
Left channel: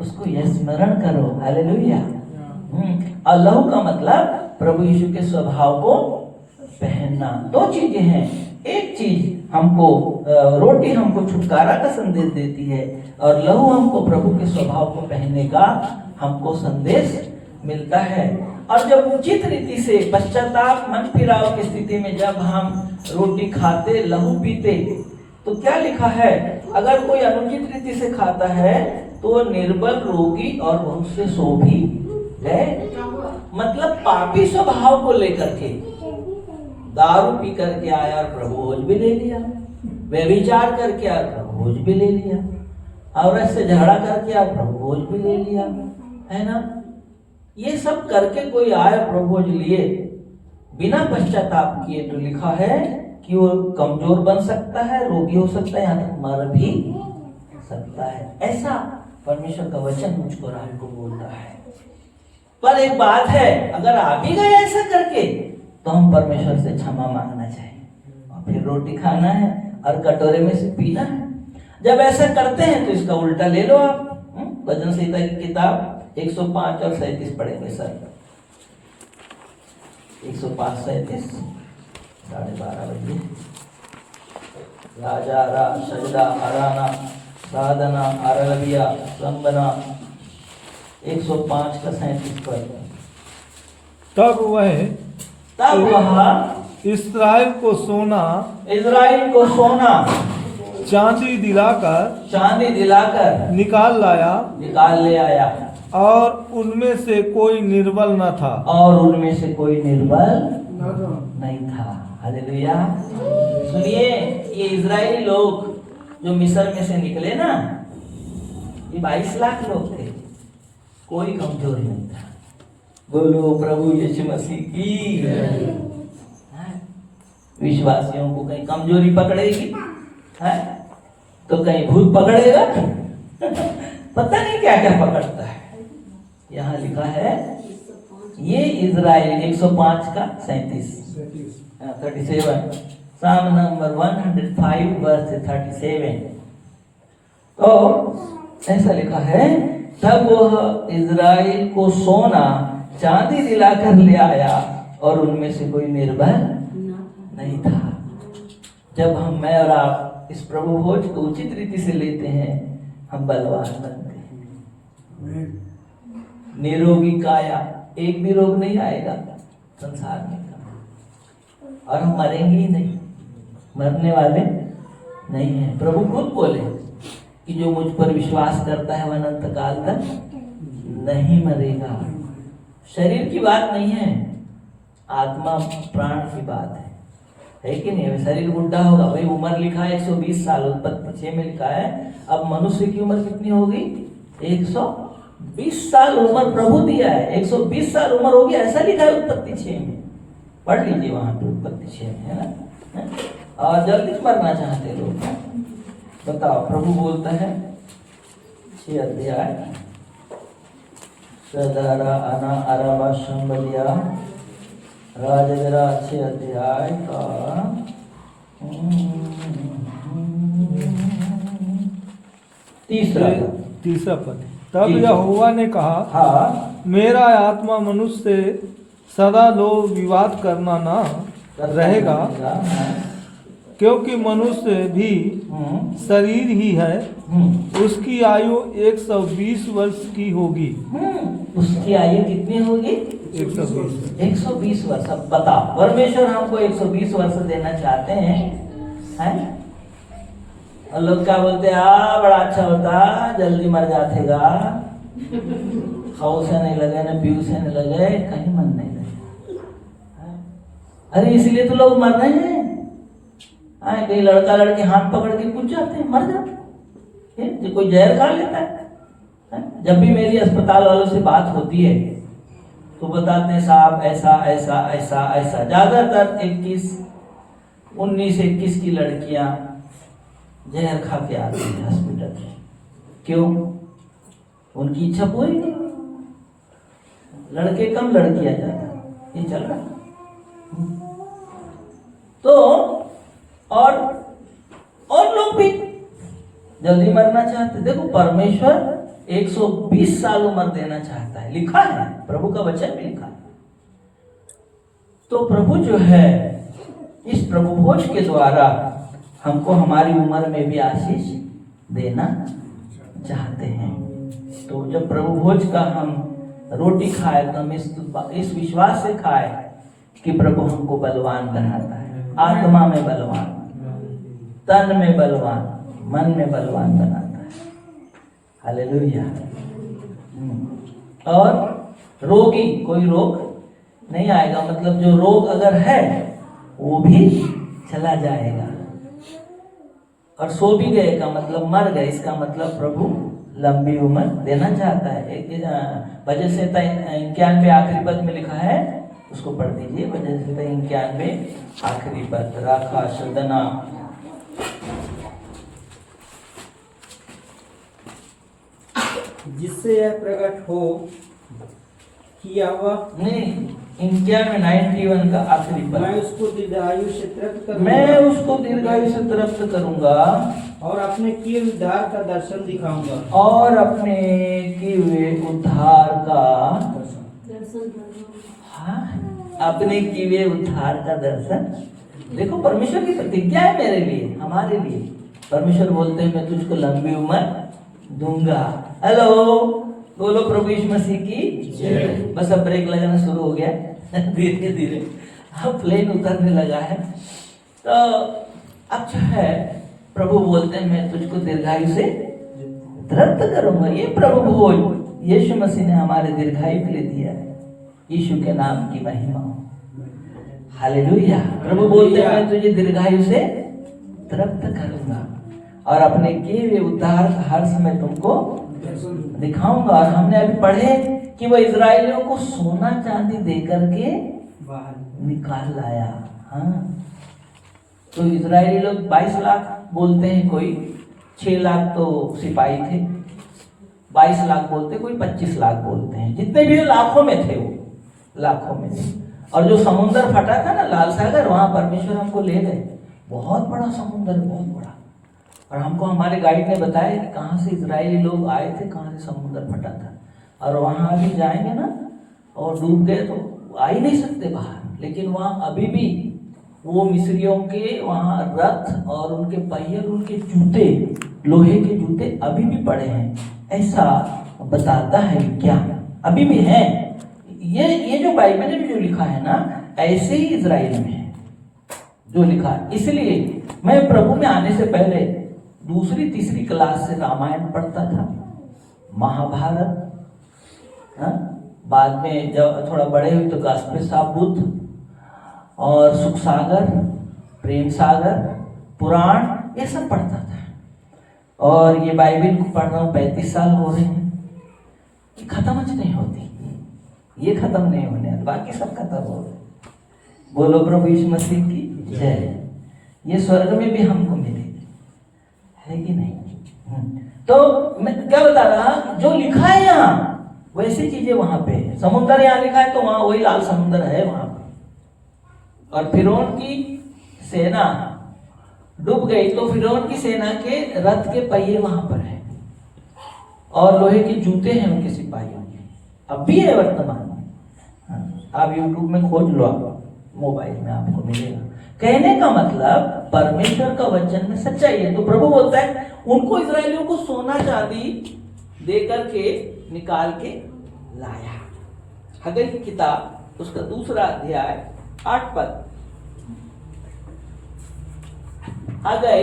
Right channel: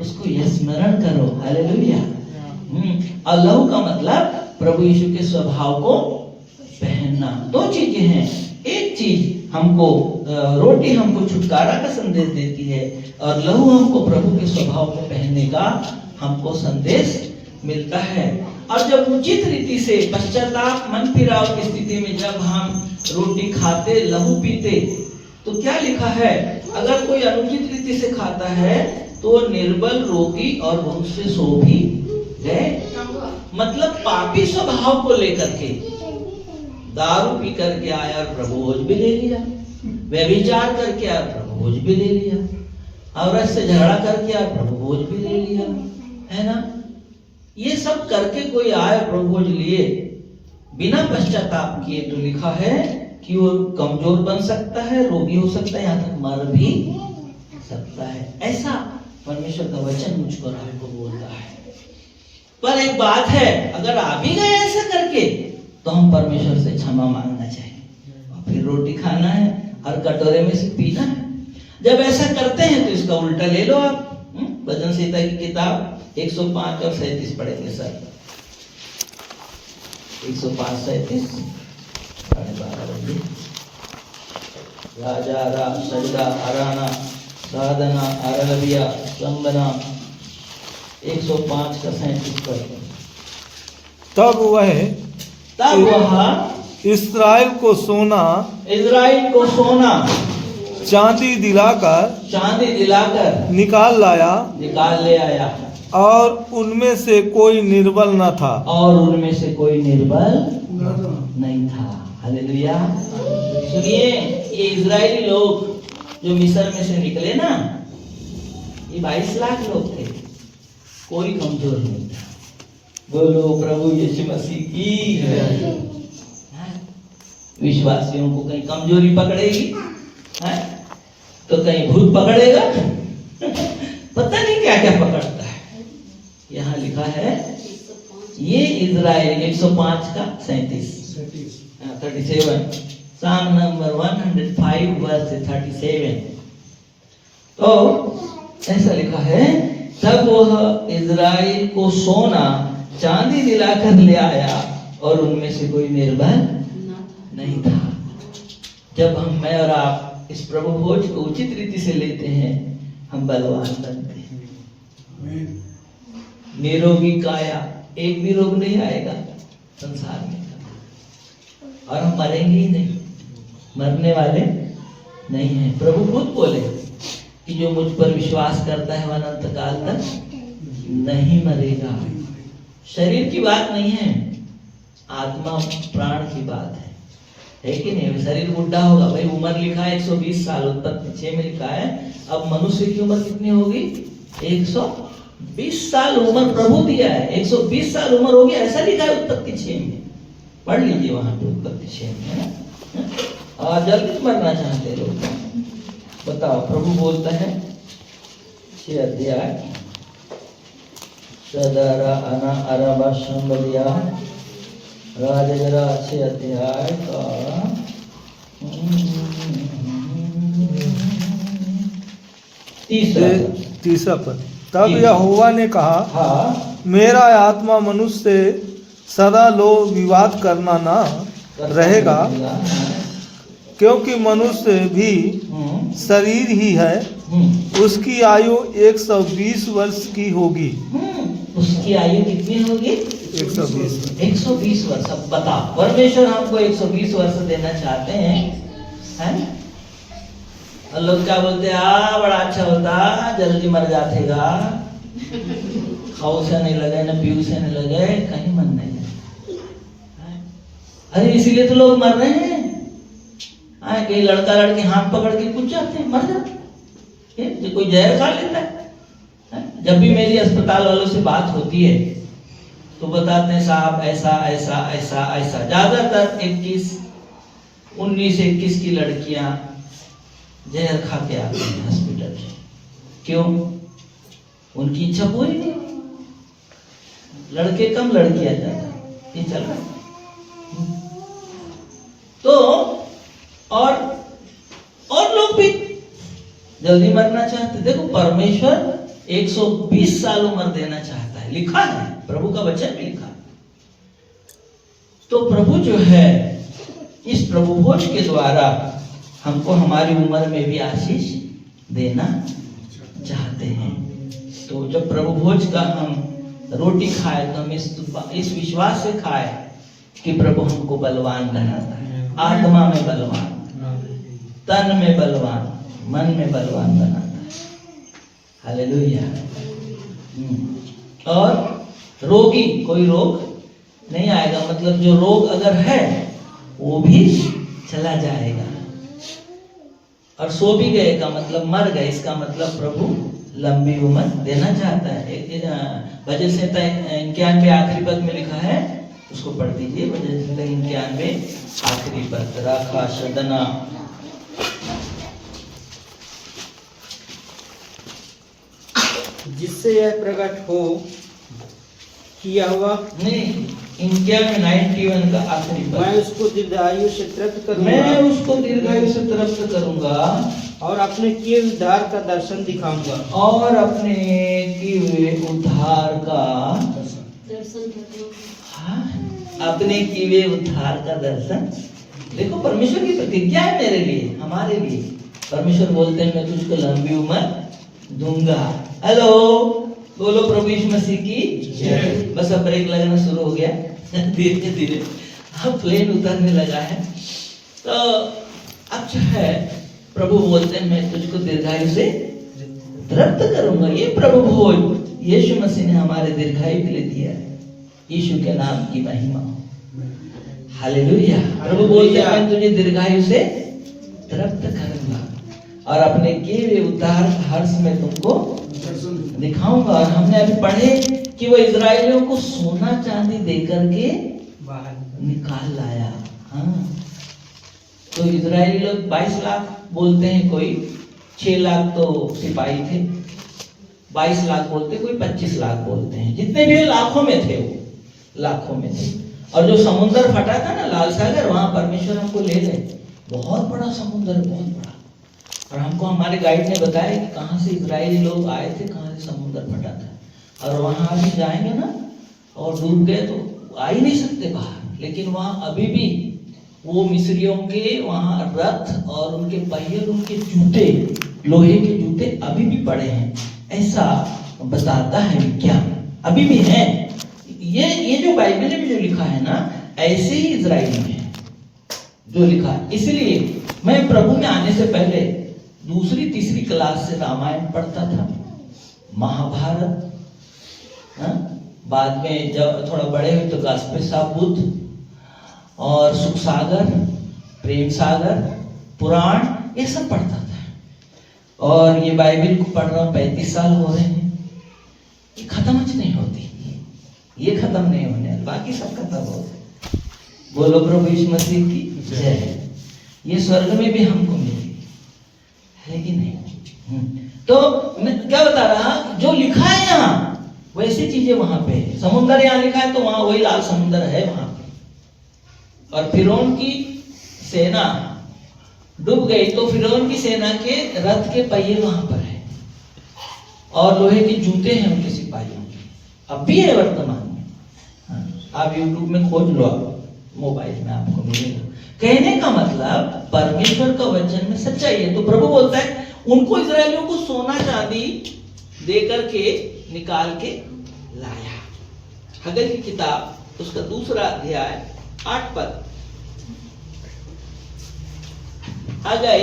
उसको ये स्मरण करो। हालेलुया। और लहू का मतलब प्रभु यीशु के स्वभाव को पहनना। दो चीजें हैं, एक चीज हमको रोटी हमको छुटकारा का संदेश देती है और लहू हमको प्रभु के स्वभाव को पहनने का हमको संदेश मिलता है। और जब उचित रीति से पश्चाताप, मन फिराव की स्थिति में जब हम रोटी खाते, लहू पीते, तो क्या लिखा है, अगर कोई अनुचित रीति से खाता है तो निर्बल, रोगी और बहुत से सो भी गए। मतलब पापी स्वभाव को लेकर के दारू पी करके आया और प्रभु भोज भी ले लिया, व्यभिचार करके आया प्रभु भोज भी ले लिया, औरत से झगड़ा करके आया प्रभु भोज भी ले लिया, है ना। ये सब करके कोई आया प्रभु भोज लिए बिना पश्चाताप किए, तो लिखा है कि वो कमजोर बन सकता है, रोगी हो सकता है, यहाँ तक मर भी सकता है। ऐसा परमेश्वर का वचन मुझको राह को बोलता है। पर एक बात है, अगर आ भी गए ऐसा करके तो हम परमेश्वर से क्षमा मांगना चाहिए और फिर रोटी खाना है और कटोरे में से पीना है। जब ऐसा करते हैं तो इसका उल्टा ले लो आप। भजन संहिता की किताब 105 और 37 पढ़ेंगे सर। 105, 37, 12:30 लाजारा, सजदा, अराना, साधना, अरबिया, संगना। 105 का 37 पढ़ेंगे। तब वह इस्राएल को सोना चांदी दिलाकर निकाल ले आया और उनमें से कोई निर्बल न था। नहीं था। हालेलुया। सुनिए, ये इजरायली लोग जो मिस्र में से निकले ना, ये 22 लाख लोग थे, कोई कमजोर नहीं था। बोलो प्रभु यीशु मसीह की। विश्वासियों को कहीं कमजोरी पकड़ेगी है तो कहीं भूत पकड़ेगा, पता नहीं क्या क्या पकड़ता है। यहाँ लिखा है ये इजराइल 105 का 37 Psalm नंबर 105 वर्स 37। तो ऐसा लिखा है, तब वह इजराइल को सोना चांदी दिलाकर ले आया और उनमें से कोई निर्बल नहीं था। जब हम, मैं और आप इस प्रभु भोज को उचित रीति से लेते हैं, हम बलवान बनते हैं। निरोगी काया, एक भी रोग नहीं आएगा संसार में, और हम मरेंगे ही नहीं, मरने वाले नहीं हैं। प्रभु खुद बोले कि जो मुझ पर विश्वास करता है वह अनंत काल तक नहीं मरेगा। शरीर की बात नहीं है, आत्मा प्राण की बात है कि नहीं। शरीर बुढ़ा होगा, भाई उम्र लिखा है 120 साल, उत्पत्ति 6 में लिखा है। अब मनुष्य की उम्र कितनी होगी? 120 साल उम्र प्रभु दिया है, 120 साल उम्र होगी, ऐसा लिखा है उत्पत्ति 6 में। पढ़ लीजिए वहां पे उत्पत्ति 6 में, है ना। और जल्दी मरना चाहते लोग, बताओ, प्रभु बोलता है 6 अध्याय सदरा अना अरबा संबलिया राजगरा 6 अध्याय का 30 पद। तब यहोवा ने कहा, हाँ, मेरा आत्मा मनुष्य से सदा लोग विवाद करना ना रहेगा, क्योंकि मनुष्य भी शरीर ही है। उसकी आयु 120 वर्ष की होगी। उसकी आयु कितनी होगी? 120 वर्ष। अब बता, परमेश्वर हमको 120 वर्ष देना चाहते हैं? और लोग क्या बोलते हैं, बड़ा अच्छा होता, जल्दी मर जातेगा, खाओ से नहीं लगे न पीऊ से नहीं लगे, कहीं मन नहीं लगे। अरे इसीलिए तो लोग मर रहे हैं। कई लड़का लड़की हाथ पकड़ के कूद जाते हैं, मर जाते हैं। जो कोई जहर खा लेता है। जब भी मेरी अस्पताल वालों से बात होती है तो बताते हैं, साहब ऐसा ऐसा ऐसा ऐसा। ज्यादातर 19-21 की लड़कियां जहर खा के आती हैं हॉस्पिटल में। क्यों? उनकी इच्छा पूरी नहीं। लड़के कम, लड़कियां ज्यादा। ये चल रहा है। तो और लोग भी जल्दी मरना चाहते। देखो, परमेश्वर 120 साल उम्र देना चाहता है, लिखा है, प्रभु का वचन भी लिखा है। तो प्रभु जो है इस प्रभु भोज के द्वारा हमको हमारी उम्र में भी आशीष देना चाहते हैं। तो जब प्रभु भोज का हम रोटी खाए तो हम इस विश्वास से खाए कि प्रभु हमको बलवान बनाता है, आत्मा में बलवान, तन में बलवान, मन में बलवान बनाता है। हालेलुया। और रोगी, कोई रोग नहीं आएगा। मतलब जो रोग अगर है वो भी चला जाएगा। और सो भी गए का मतलब मर गए, इसका मतलब प्रभु लंबी उम्र देना चाहता है। भजन संहिता 91 आखिरी पद में लिखा है, उसको पढ़ दीजिए। भजन संहिता 91 आखिरी पद, राखा सदना। जिससे यह प्रकट हो कि यहोवा नहीं, 91 का आखिरी पद, मैं उसको दीर्घायु से तृप्त करूंगा, मैं उसको दीर्घायु से तृप्त करूंगा और अपने किए उद्धार का दर्शन दिखाऊंगा, और अपने किए उद्धार का अपने किए उद्धार का दर्शन। देखो, परमेश्वर की प्रतिज्ञा है मेरे लिए, हमारे लिए। परमेश्वर बोलते हैं, मैं तुझको लंबी उम्र दूंगा। हेलो, बोलो प्रभु यीशु मसीह की जय। बस अब ब्रेक लगाना शुरू हो गया धीरे धीरे, अब प्लेन उतरने लगा है। तो अब जो है प्रभु बोलते हैं, मैं तुझको दीर्घायु से तृप्त करूंगा। ये प्रभु भोज यीशु मसीह ने हमारे दीर्घायु के लिए दिया है। यीशु के नाम की महिमा हो। हालेलुया। प्रभु बोलते हैं, मैं तुझे दीर्घायु से तृप्त करूंगा और अपने किए हुए उद्धार का हर्ष में तुमको दिखाऊंगा। और हमने अभी पढ़े कि वो इजराइलियों को सोना चांदी देकर के निकाल लाया। हाँ, तो इजरायली लोग 22 लाख बोलते हैं, कोई 6 लाख तो सिपाही थे, 22 लाख बोलते, कोई 25 लाख बोलते हैं। जितने भी लाखों में थे, वो लाखों में थे। और जो समुद्र फटा था ना, लाल सागर, वहां परमेश्वर हमको ले गए। बहुत बड़ा समुद्र, बहुत बड़ा। और हमको हमारे गाइड ने बताया कि कहाँ से इजरायली लोग आए थे, कहाँ से समुद्र फटा था। और वहां अभी जाएंगे ना और डूब गए तो आ ही नहीं सकते बाहर। लेकिन वहां अभी भी वो मिस्रियों के वहां रथ और उनके पहिए, उनके जूते, लोहे के जूते अभी भी पड़े हैं, ऐसा बताता है विज्ञान। अभी भी है। ये जो बाइबल में जो लिखा है ना, ऐसे ही इजराइल में है जो लिखा है। इसलिए मैं प्रभु में आने से पहले दूसरी तीसरी क्लास से रामायण पढ़ता था, महाभारत, बाद में जब थोड़ा बड़े हुए तो गास्पेस ऑफ बुद्ध और सुख सागर, प्रेम सागर, पुराण, ये सब पढ़ता था। और ये बाइबल को पढ़ रहा हूँ, 35 साल हो रहे हैं। ये खत्म नहीं होती, ये खत्म नहीं होने, बाकी सब खत्म हो गए। बोलो प्रभु यीशु मसीह की जय। ये स्वर्ग में भी हमको मिलेगी, है कि नहीं? तो मैं क्या बता रहा, जो लिखा है यहाँ वैसी चीजें वहां पे है। समुद्र यहाँ लिखा है तो वहां वही लाल समुद्र है वहां पे। और फिरौन की सेना डूब गई तो फिरौन की सेना के रथ के पहिए वहां पर है और लोहे के जूते हैं उनके सिपाहियों के, अब भी है वर्तमान में। आप YouTube में खोज लो, आप मोबाइल में आपको मिलेगा। कहने का मतलब परमेश्वर का वचन में सच्चाई है। तो प्रभु बोलता है उनको इजरायलियों को सोना चांदी दे करके निकाल के लाया। हगल की किताब उसका 2 अध्याय 8 पद। हगल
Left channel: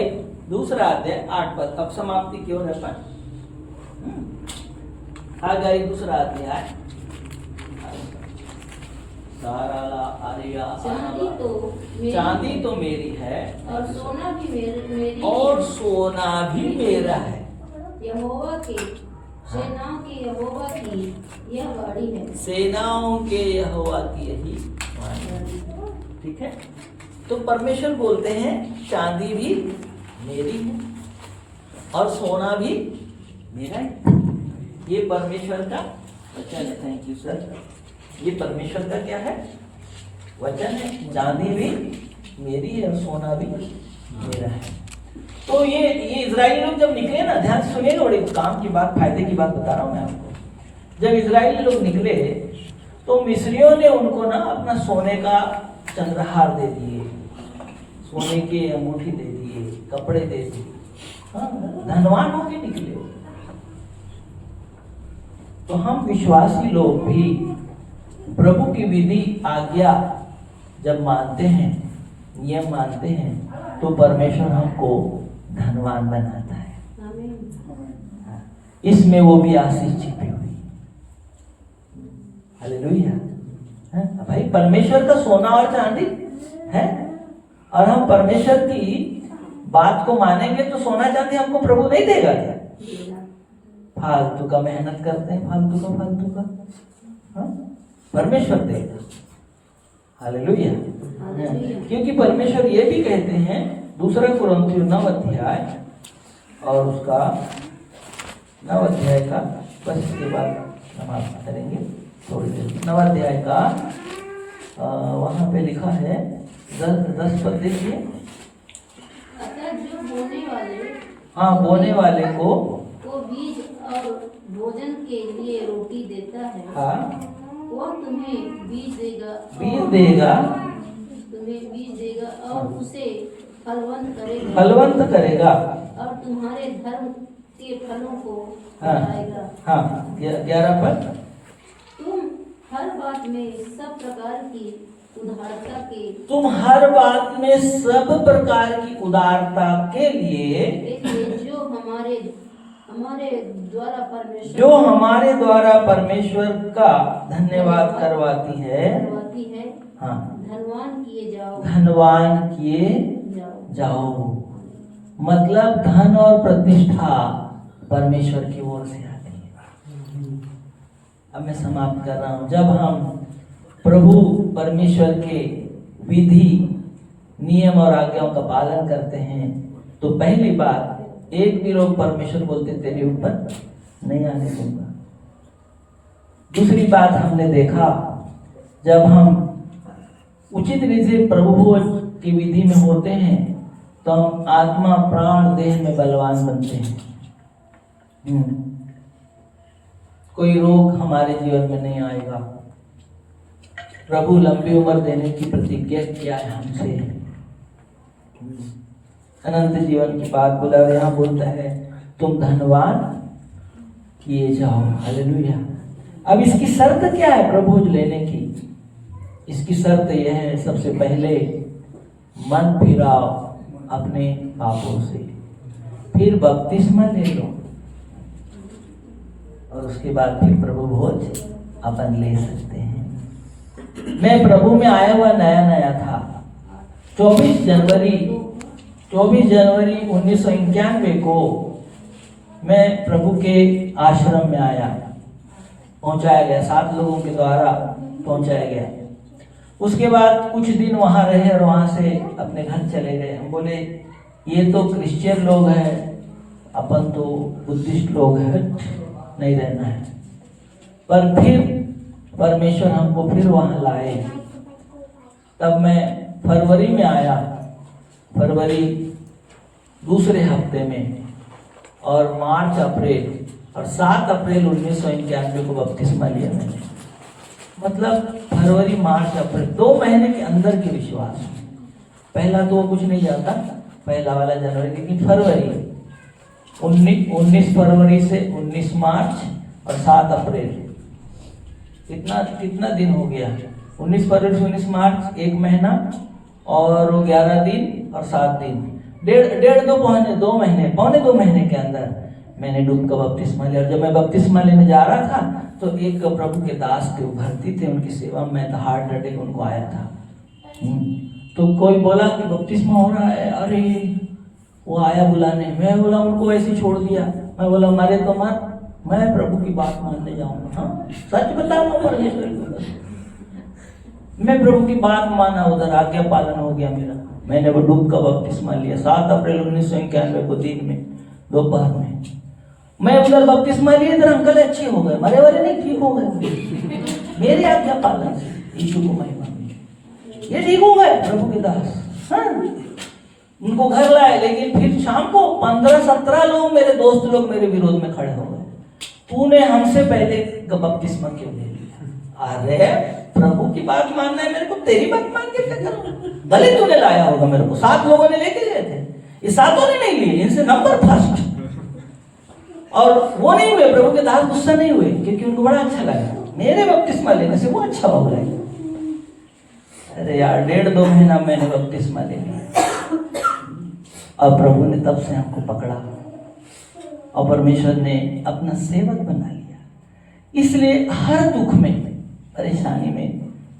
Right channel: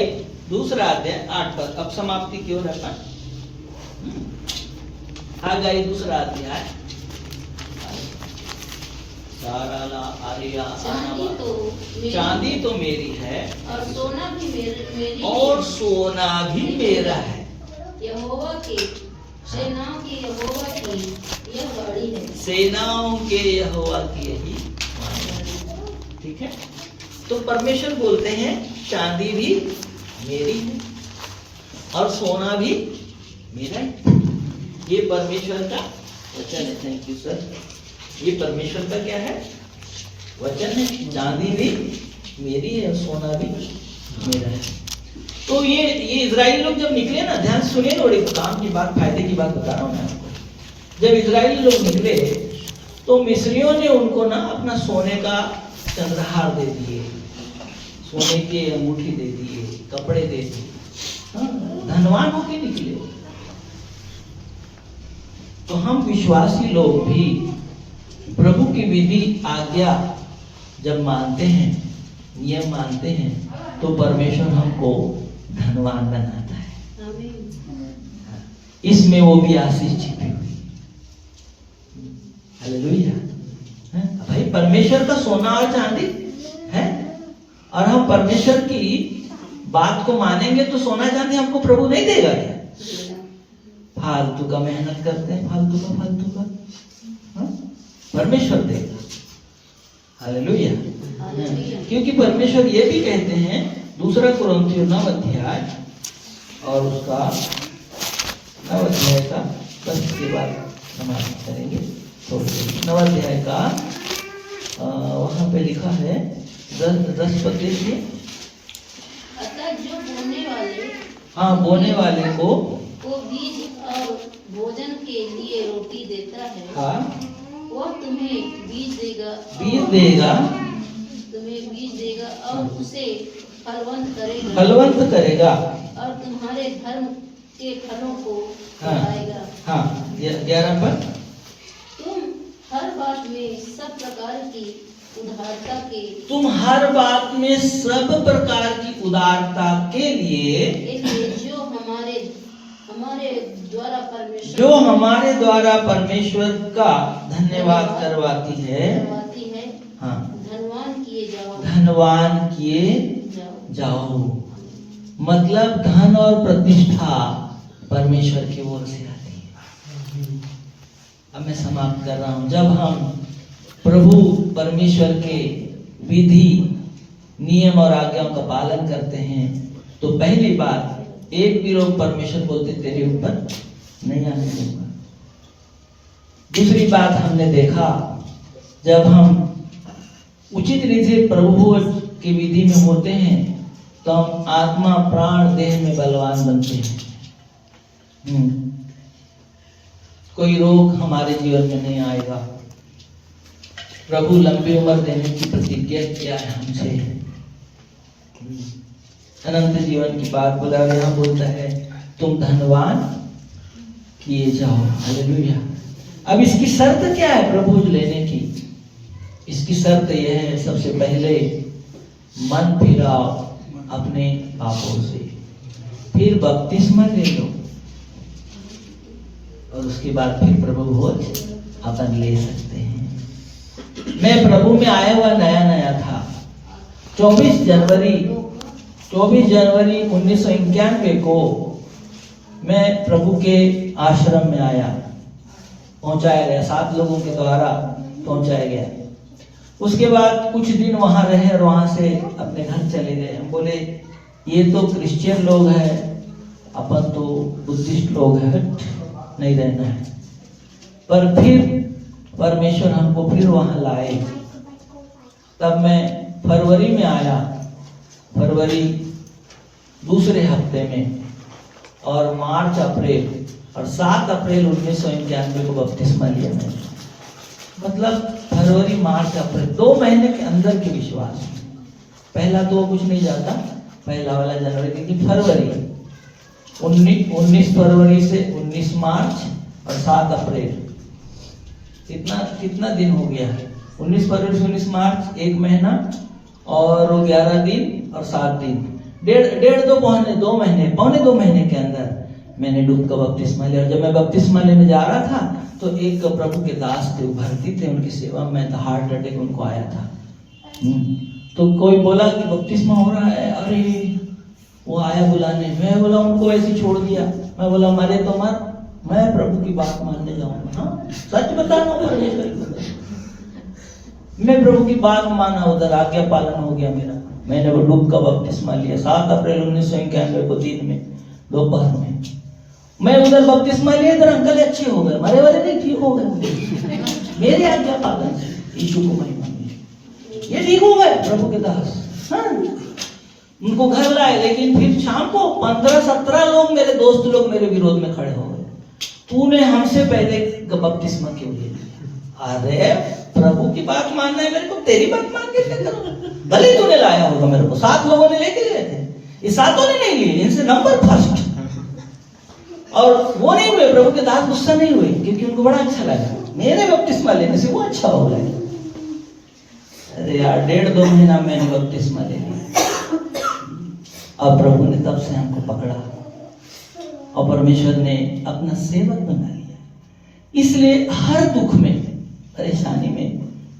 2 अध्याय 8 पद। अब समाप्ति की ओर अपन हगल 2 अध्याय। चांदी तो मेरी है और सोना भी मेरी और सोना भी मेरा है। यहोवा के सेनाओं की यहोवा की यह वाणी है। सेनाओं के यहोवा की यही वाणी है। ठीक है, तो परमेश्वर बोलते हैं चांदी भी मेरी है और सोना भी मेरा है। ये परमेश्वर का वचन है। Thank you sir. ये परमेश्वर का क्या है? वचन है। चांदी भी मेरी है और सोना भी मेरा है। तो ये इजराइली लोग जब निकले ना, ध्यान से सुनिए, थोड़ी काम की बात, फायदे की बात बता रहा हूं मैं आपको। जब इजराइली लोग निकले तो मिस्रियों ने उनको ना अपना सोने का चंद्रहार दे दिए, सोने के अंगूठी दे दिए, कपड़े दे दिए। हाँ, धनवान होके निकले। तो हम विश्वासी लोग भी प्रभु की विधि आज्ञा जब मानते हैं, नियम मानते हैं, तो परमेश्वर हमको धनवान बनाता है। इसमें वो भी आशीष छिपी हुई। हालेलुया। भाई परमेश्वर का सोना और चांदी है और हम परमेश्वर की बात को मानेंगे तो सोना चांदी हमको प्रभु नहीं देगा क्या? फालतू का मेहनत करते हैं, फालतू का हाँ? परमेश्वर देगा। हालेलुया। क्योंकि परमेश्वर ये भी कहते हैं 2 कुरिन्थियों 9 अध्याय और उसका 9 अध्याय का, बस इसके बाद नमाज करेंगे थोड़ी देर। 9 अध्याय का वहां पे लिखा है 10 पद देखिए। अतः जो बोने वाले, हाँ, बोने वाले को बीज और भोजन के लिए रोटी देता है, हाँ, वो तुम्हें बीज देगा, बीज देगा, तुम्हें बीज देगा और उसे फलवंत करेगा और तुम्हारे धर्म के फलों को हाँ, बढ़ाएगा। हाँ, 11 पद। तुम हर बात में सब प्रकार की उदारता के, तुम हर बात में सब प्रकार की उदारता के लिए जो हमारे द्वारा परमेश्वर का धन्यवाद करवाती है, हाँ, धनवान किए जाओ। मतलब धन और प्रतिष्ठा परमेश्वर की ओर से आती है। अब मैं समाप्त कर रहा हूं। जब हम प्रभु परमेश्वर के विधि नियम और आज्ञाओं का पालन करते हैं तो पहली बात, एक भी लोग परमेश्वर बोलते तेरे ऊपर नहीं आने दूंगा। दूसरी बात हमने देखा, जब हम उचित रीति से प्रभु की विधि में होते हैं तो हम आत्मा प्राण देह में बलवान बनते हैं। कोई रोग हमारे जीवन में नहीं आएगा। प्रभु लंबी उम्र देने की प्रतिज्ञा किया है हमसे। अनंत जीवन की बात बोला, यहाँ बोलता है तुम धनवान किए जाओ। हालेलुया। अब इसकी शर्त क्या है प्रभु लेने की? इसकी शर्त यह है, सबसे पहले मन फिराओ अपने पापों से, फिर बपतिस्मा ले लो और उसके बाद फिर प्रभु भोज अपन ले सकते हैं। मैं प्रभु में आया हुआ नया था। 24 जनवरी 1991 को मैं प्रभु के आश्रम में आया, पहुंचाया गया, 7 लोगों के द्वारा पहुंचाया गया। उसके बाद कुछ दिन वहां रहे और वहां से अपने घर चले गए। हम बोले ये तो क्रिश्चियन लोग हैं, अपन तो बुद्धिस्ट लोग हैं, नहीं रहना है। पर फिर परमेश्वर हमको फिर वहां लाए। तब मैं फरवरी में आया, फरवरी दूसरे हफ्ते में, और मार्च अप्रैल और 7 अप्रैल 1991 को बपतिस्मा लिया मैंने। मतलब फरवरी मार्च अप्रैल 2 महीने के अंदर के विश्वास। पहला तो कुछ नहीं जाता, पहला वाला जनवरी, लेकिन फरवरी 19 फरवरी से 19 मार्च और 7 अप्रैल, कितना दिन हो गया? 19 फरवरी से 19 मार्च 1 महीना और 11 दिन और 7 दिन, पौने 2 महीने के अंदर मैंने डूब का बपतिस्मा लिया। जब मैं बपतिस्मा लेने जा रहा था तो एक प्रभु के दास थे, भर्ती थे, उनकी सेवा में था, हार्ट अटैक उनको आया था। तो कोई बोला कि बपतिस्मा हो रहा है, अरे वो आया बुलाने, मैं बोला उनको ऐसे छोड़ दिया। मैं बोला मारे तो मत, मैं प्रभु की बात मानने जाऊंगा। हाँ, सच बता रहा हूँ, मैं प्रभु की बात माना, उधर आज्ञा पालन हो गया मेरा। मैंने वो डूब का बपतिस्मा लिया 7 अप्रैल 1991 को दिन में, दोपहर में। मैं उधर बपतिस्मा लिए, इधर अंकल अच्छे हो गए, मरे वाले नहीं, ठीक हो गए मेरे आज्ञा पालन से। यीशु को महिमा मिली, ये ठीक हो गए प्रभु के दास। हाँ, उनको घर लाए, लेकिन फिर शाम को 15-17 लोग, मेरे दोस्त लोग मेरे विरोध में खड़े हो गए। तूने हमसे पहले बपतिस्मा क्यों लिया? अरे प्रभु की बात मानना है मेरे को, तेरी बात मान के क्या करूं? भले तूने लाया होगा मेरे को, 7 लोगों ने लेके गए थे, ये 7 ने नहीं लिए, इनसे नंबर फर्स्ट। और वो नहीं हुए, प्रभु के दास गुस्सा नहीं हुए, क्योंकि उनको बड़ा अच्छा लगा मेरे बपतिस्मा लेने से, वो अच्छा हो गया। अरे यार 1.5-2 महीना मैंने बपतिस्मा ले लिया, और प्रभु ने तब से हमको पकड़ा और परमेश्वर ने अपना सेवक बना लिया। इसलिए हर दुख में, परेशानी में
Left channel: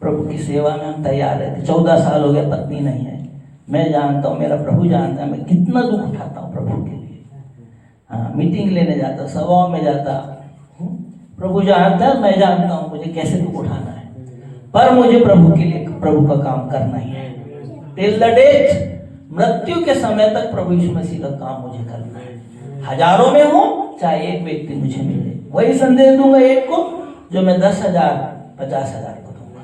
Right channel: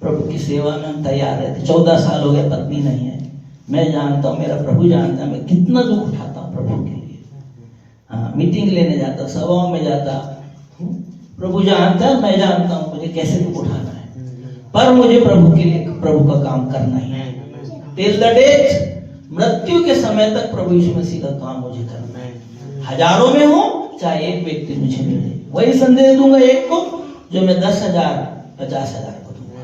प्रभु की सेवा में हम तैयार रहते। 14 साल हो गए, पत्नी नहीं है। मैं जानता हूँ, मेरा प्रभु जानता है, मैं कितना दुख उठाता हूँ प्रभु के लिए। हाँ, मीटिंग लेने जाता, सभाओं में जाता, प्रभु जानता है, मैं जानता हूँ मुझे कैसे दुख उठाना है, पर मुझे प्रभु के लिए, प्रभु का काम करना ही है। टिल द डेथ, मृत्यु के समय तक प्रभु यीशु मसीह का काम मुझे करना है। हजारों में हो चाहे एक व्यक्ति मुझे मिले, वही संदेश दूंगा एक को, जो मैं 10,000 50,000 को दूंगा।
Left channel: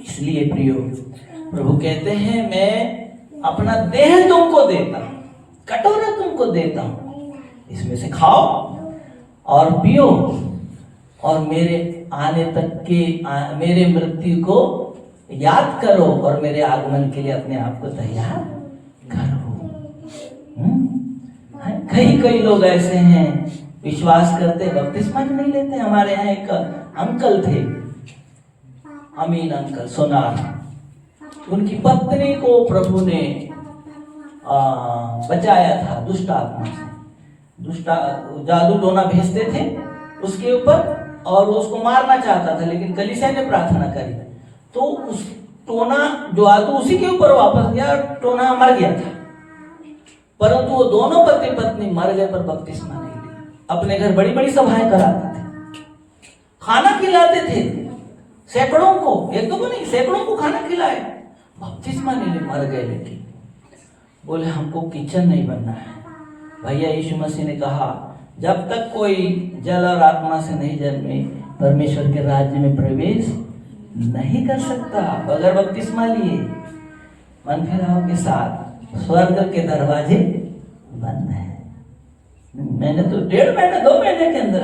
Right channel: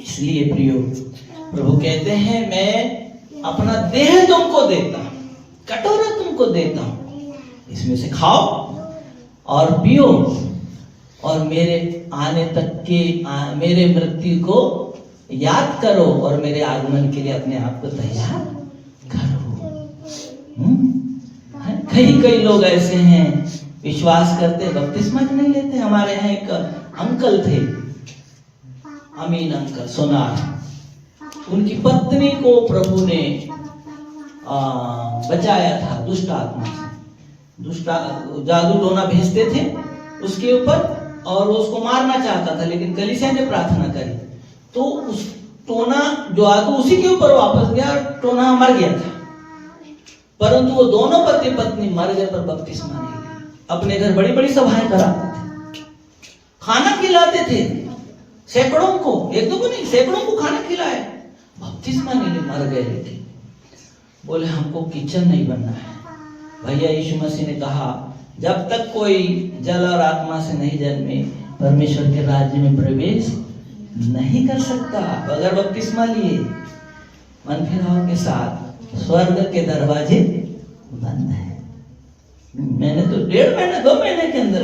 इसलिए प्रियो, प्रभु कहते हैं मैं अपना देह तुमको देता हूं, कटोरा तुमको देता हूं, इसमें से खाओ और पियो, और मेरे आने तक के मेरे मृत्यु को याद करो, और मेरे आगमन के लिए अपने आप को तैयार करो। कई लोग ऐसे हैं, विश्वास करते, बपतिस्मा नहीं लेते। हमारे यहाँ एक अंकल थे, अमीन अंकल सोनार, उनकी पत्नी को प्रभु ने बचाया था दुष्ट आत्मा से। जादू टोना भेजते थे उसके ऊपर, और वो उसको मारना चाहता था, लेकिन कलीसिया ने प्रार्थना करी तो उस टोना जो जादू उसी के ऊपर वापस गया, टोना मर गया था। परंतु वो दोनों पति पत्नी मर गए, पर बपतिस्मा नहीं लिया। अपने घर बड़ी बड़ी सभाएं कराते थे, खाना खिलाते थे सैकड़ों को, एक दो को नहीं, सैकड़ों को खाना खिलाए, बपतिस्मा नहीं लिए, मर गए। लेकिन बोले हमको किचन नहीं बनना है। भैया यीशु मसीह ने कहा जब तक कोई जल और आत्मा से नहीं जन्मे परमेश्वर के राज्य में प्रवेश नहीं कर सकता बगैर बपतिस्मा लिए। मन फिराव के साथ स्वर्ग के दरवाजे बंद है। मैंने तो 1.5 महीना 2 महीने के अंदर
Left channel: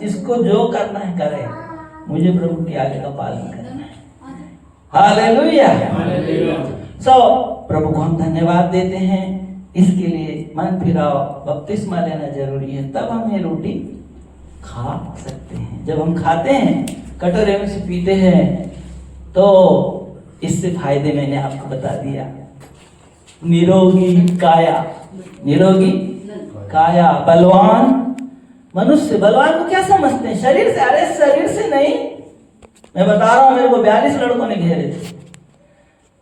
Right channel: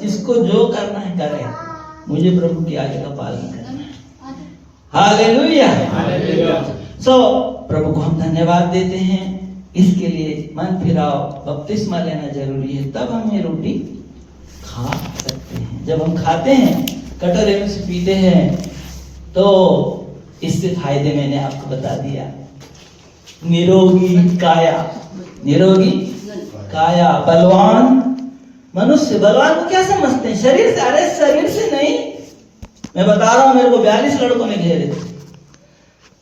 जिसको जो करना है करे, मुझे प्रभु की आज्ञा का पालन करना है। हालेलुया। प्रभु को हम धन्यवाद देते हैं इसके लिए। मन फिराओ, बपतिस्मा लेना जरूरी है, तब हम ये रोटी खा सकते हैं। जब हम खाते हैं, कटोरे में से पीते हैं, तो इससे फायदे मैंने आपको बता दिया। निरोगी काया, निरोगी काया, बलवान मनुष्य। बलवान को क्या समझते हैं? शरीर से। अरे शरीर से नहीं, मैं बता रहा हूं, मेरे को 42 लड़कों ने घेरे थे,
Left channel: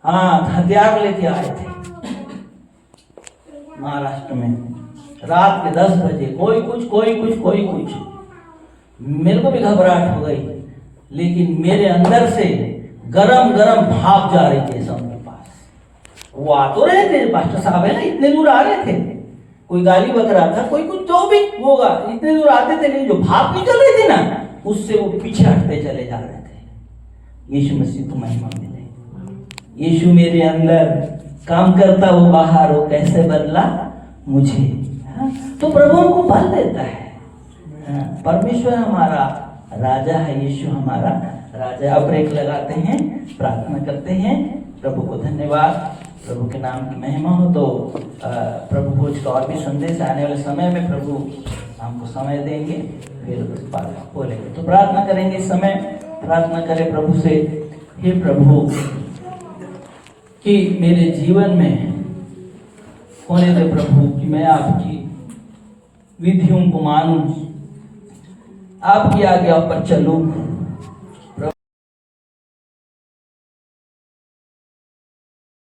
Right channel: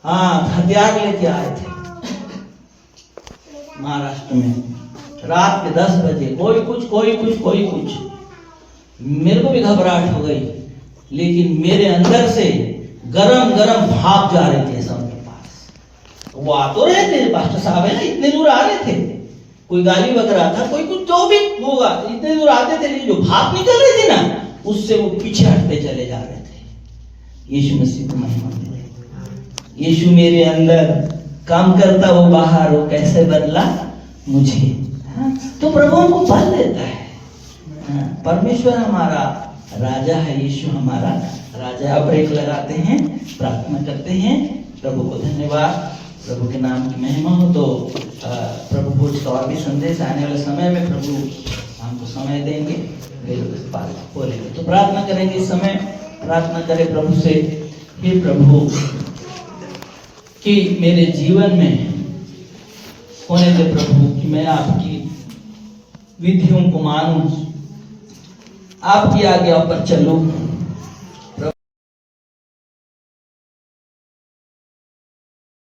हाँ, हथियार लेके आए थे महाराष्ट्र में, रात के 10 बजे, कोई कुछ। मेरे को भी घबराहट हो गई, लेकिन मेरे अंदर से गरम भाप जा रही थी सबके पास। वो आ तो रहे थे, पास्टर साहब है ना, इतने दूर आ रहे थे, कोई गाली बक रहा था, कोई कुछ जो भी होगा, इतने दूर आते थे, लेकिन जो भाप निकल रही थी ना, उससे वो पीछे हटते चले जा रहे थे। यीशु मसीह को महिमा मिले। यीशु मेरे अंदर काम करता, वो बाहर, वो कैसे बदला मुझे। हाँ? तो प्रभु हमको बल देता है। हाँ? परमेश्वर हमारा राजा है, यीशु हमारा राजा। अब ब्रेक लगाते हैं, प्रार्थना करते हैं। प्रभु को धन्यवाद, प्रभु के नाम की महिमा हो। तो प्रभु भोज का और भी संदेश आने वाले समय में प्रभु हमको समय देंगे, बोलेंगे। तो प्रार्थना करेंगे इस समय, प्रार्थना करें प्रभु से, हे प्रभु कि मेरे जीवन में होने दे प्रभु कि मैं आपकी विधियों को मानूं, आपकी आज्ञा पर चलूं,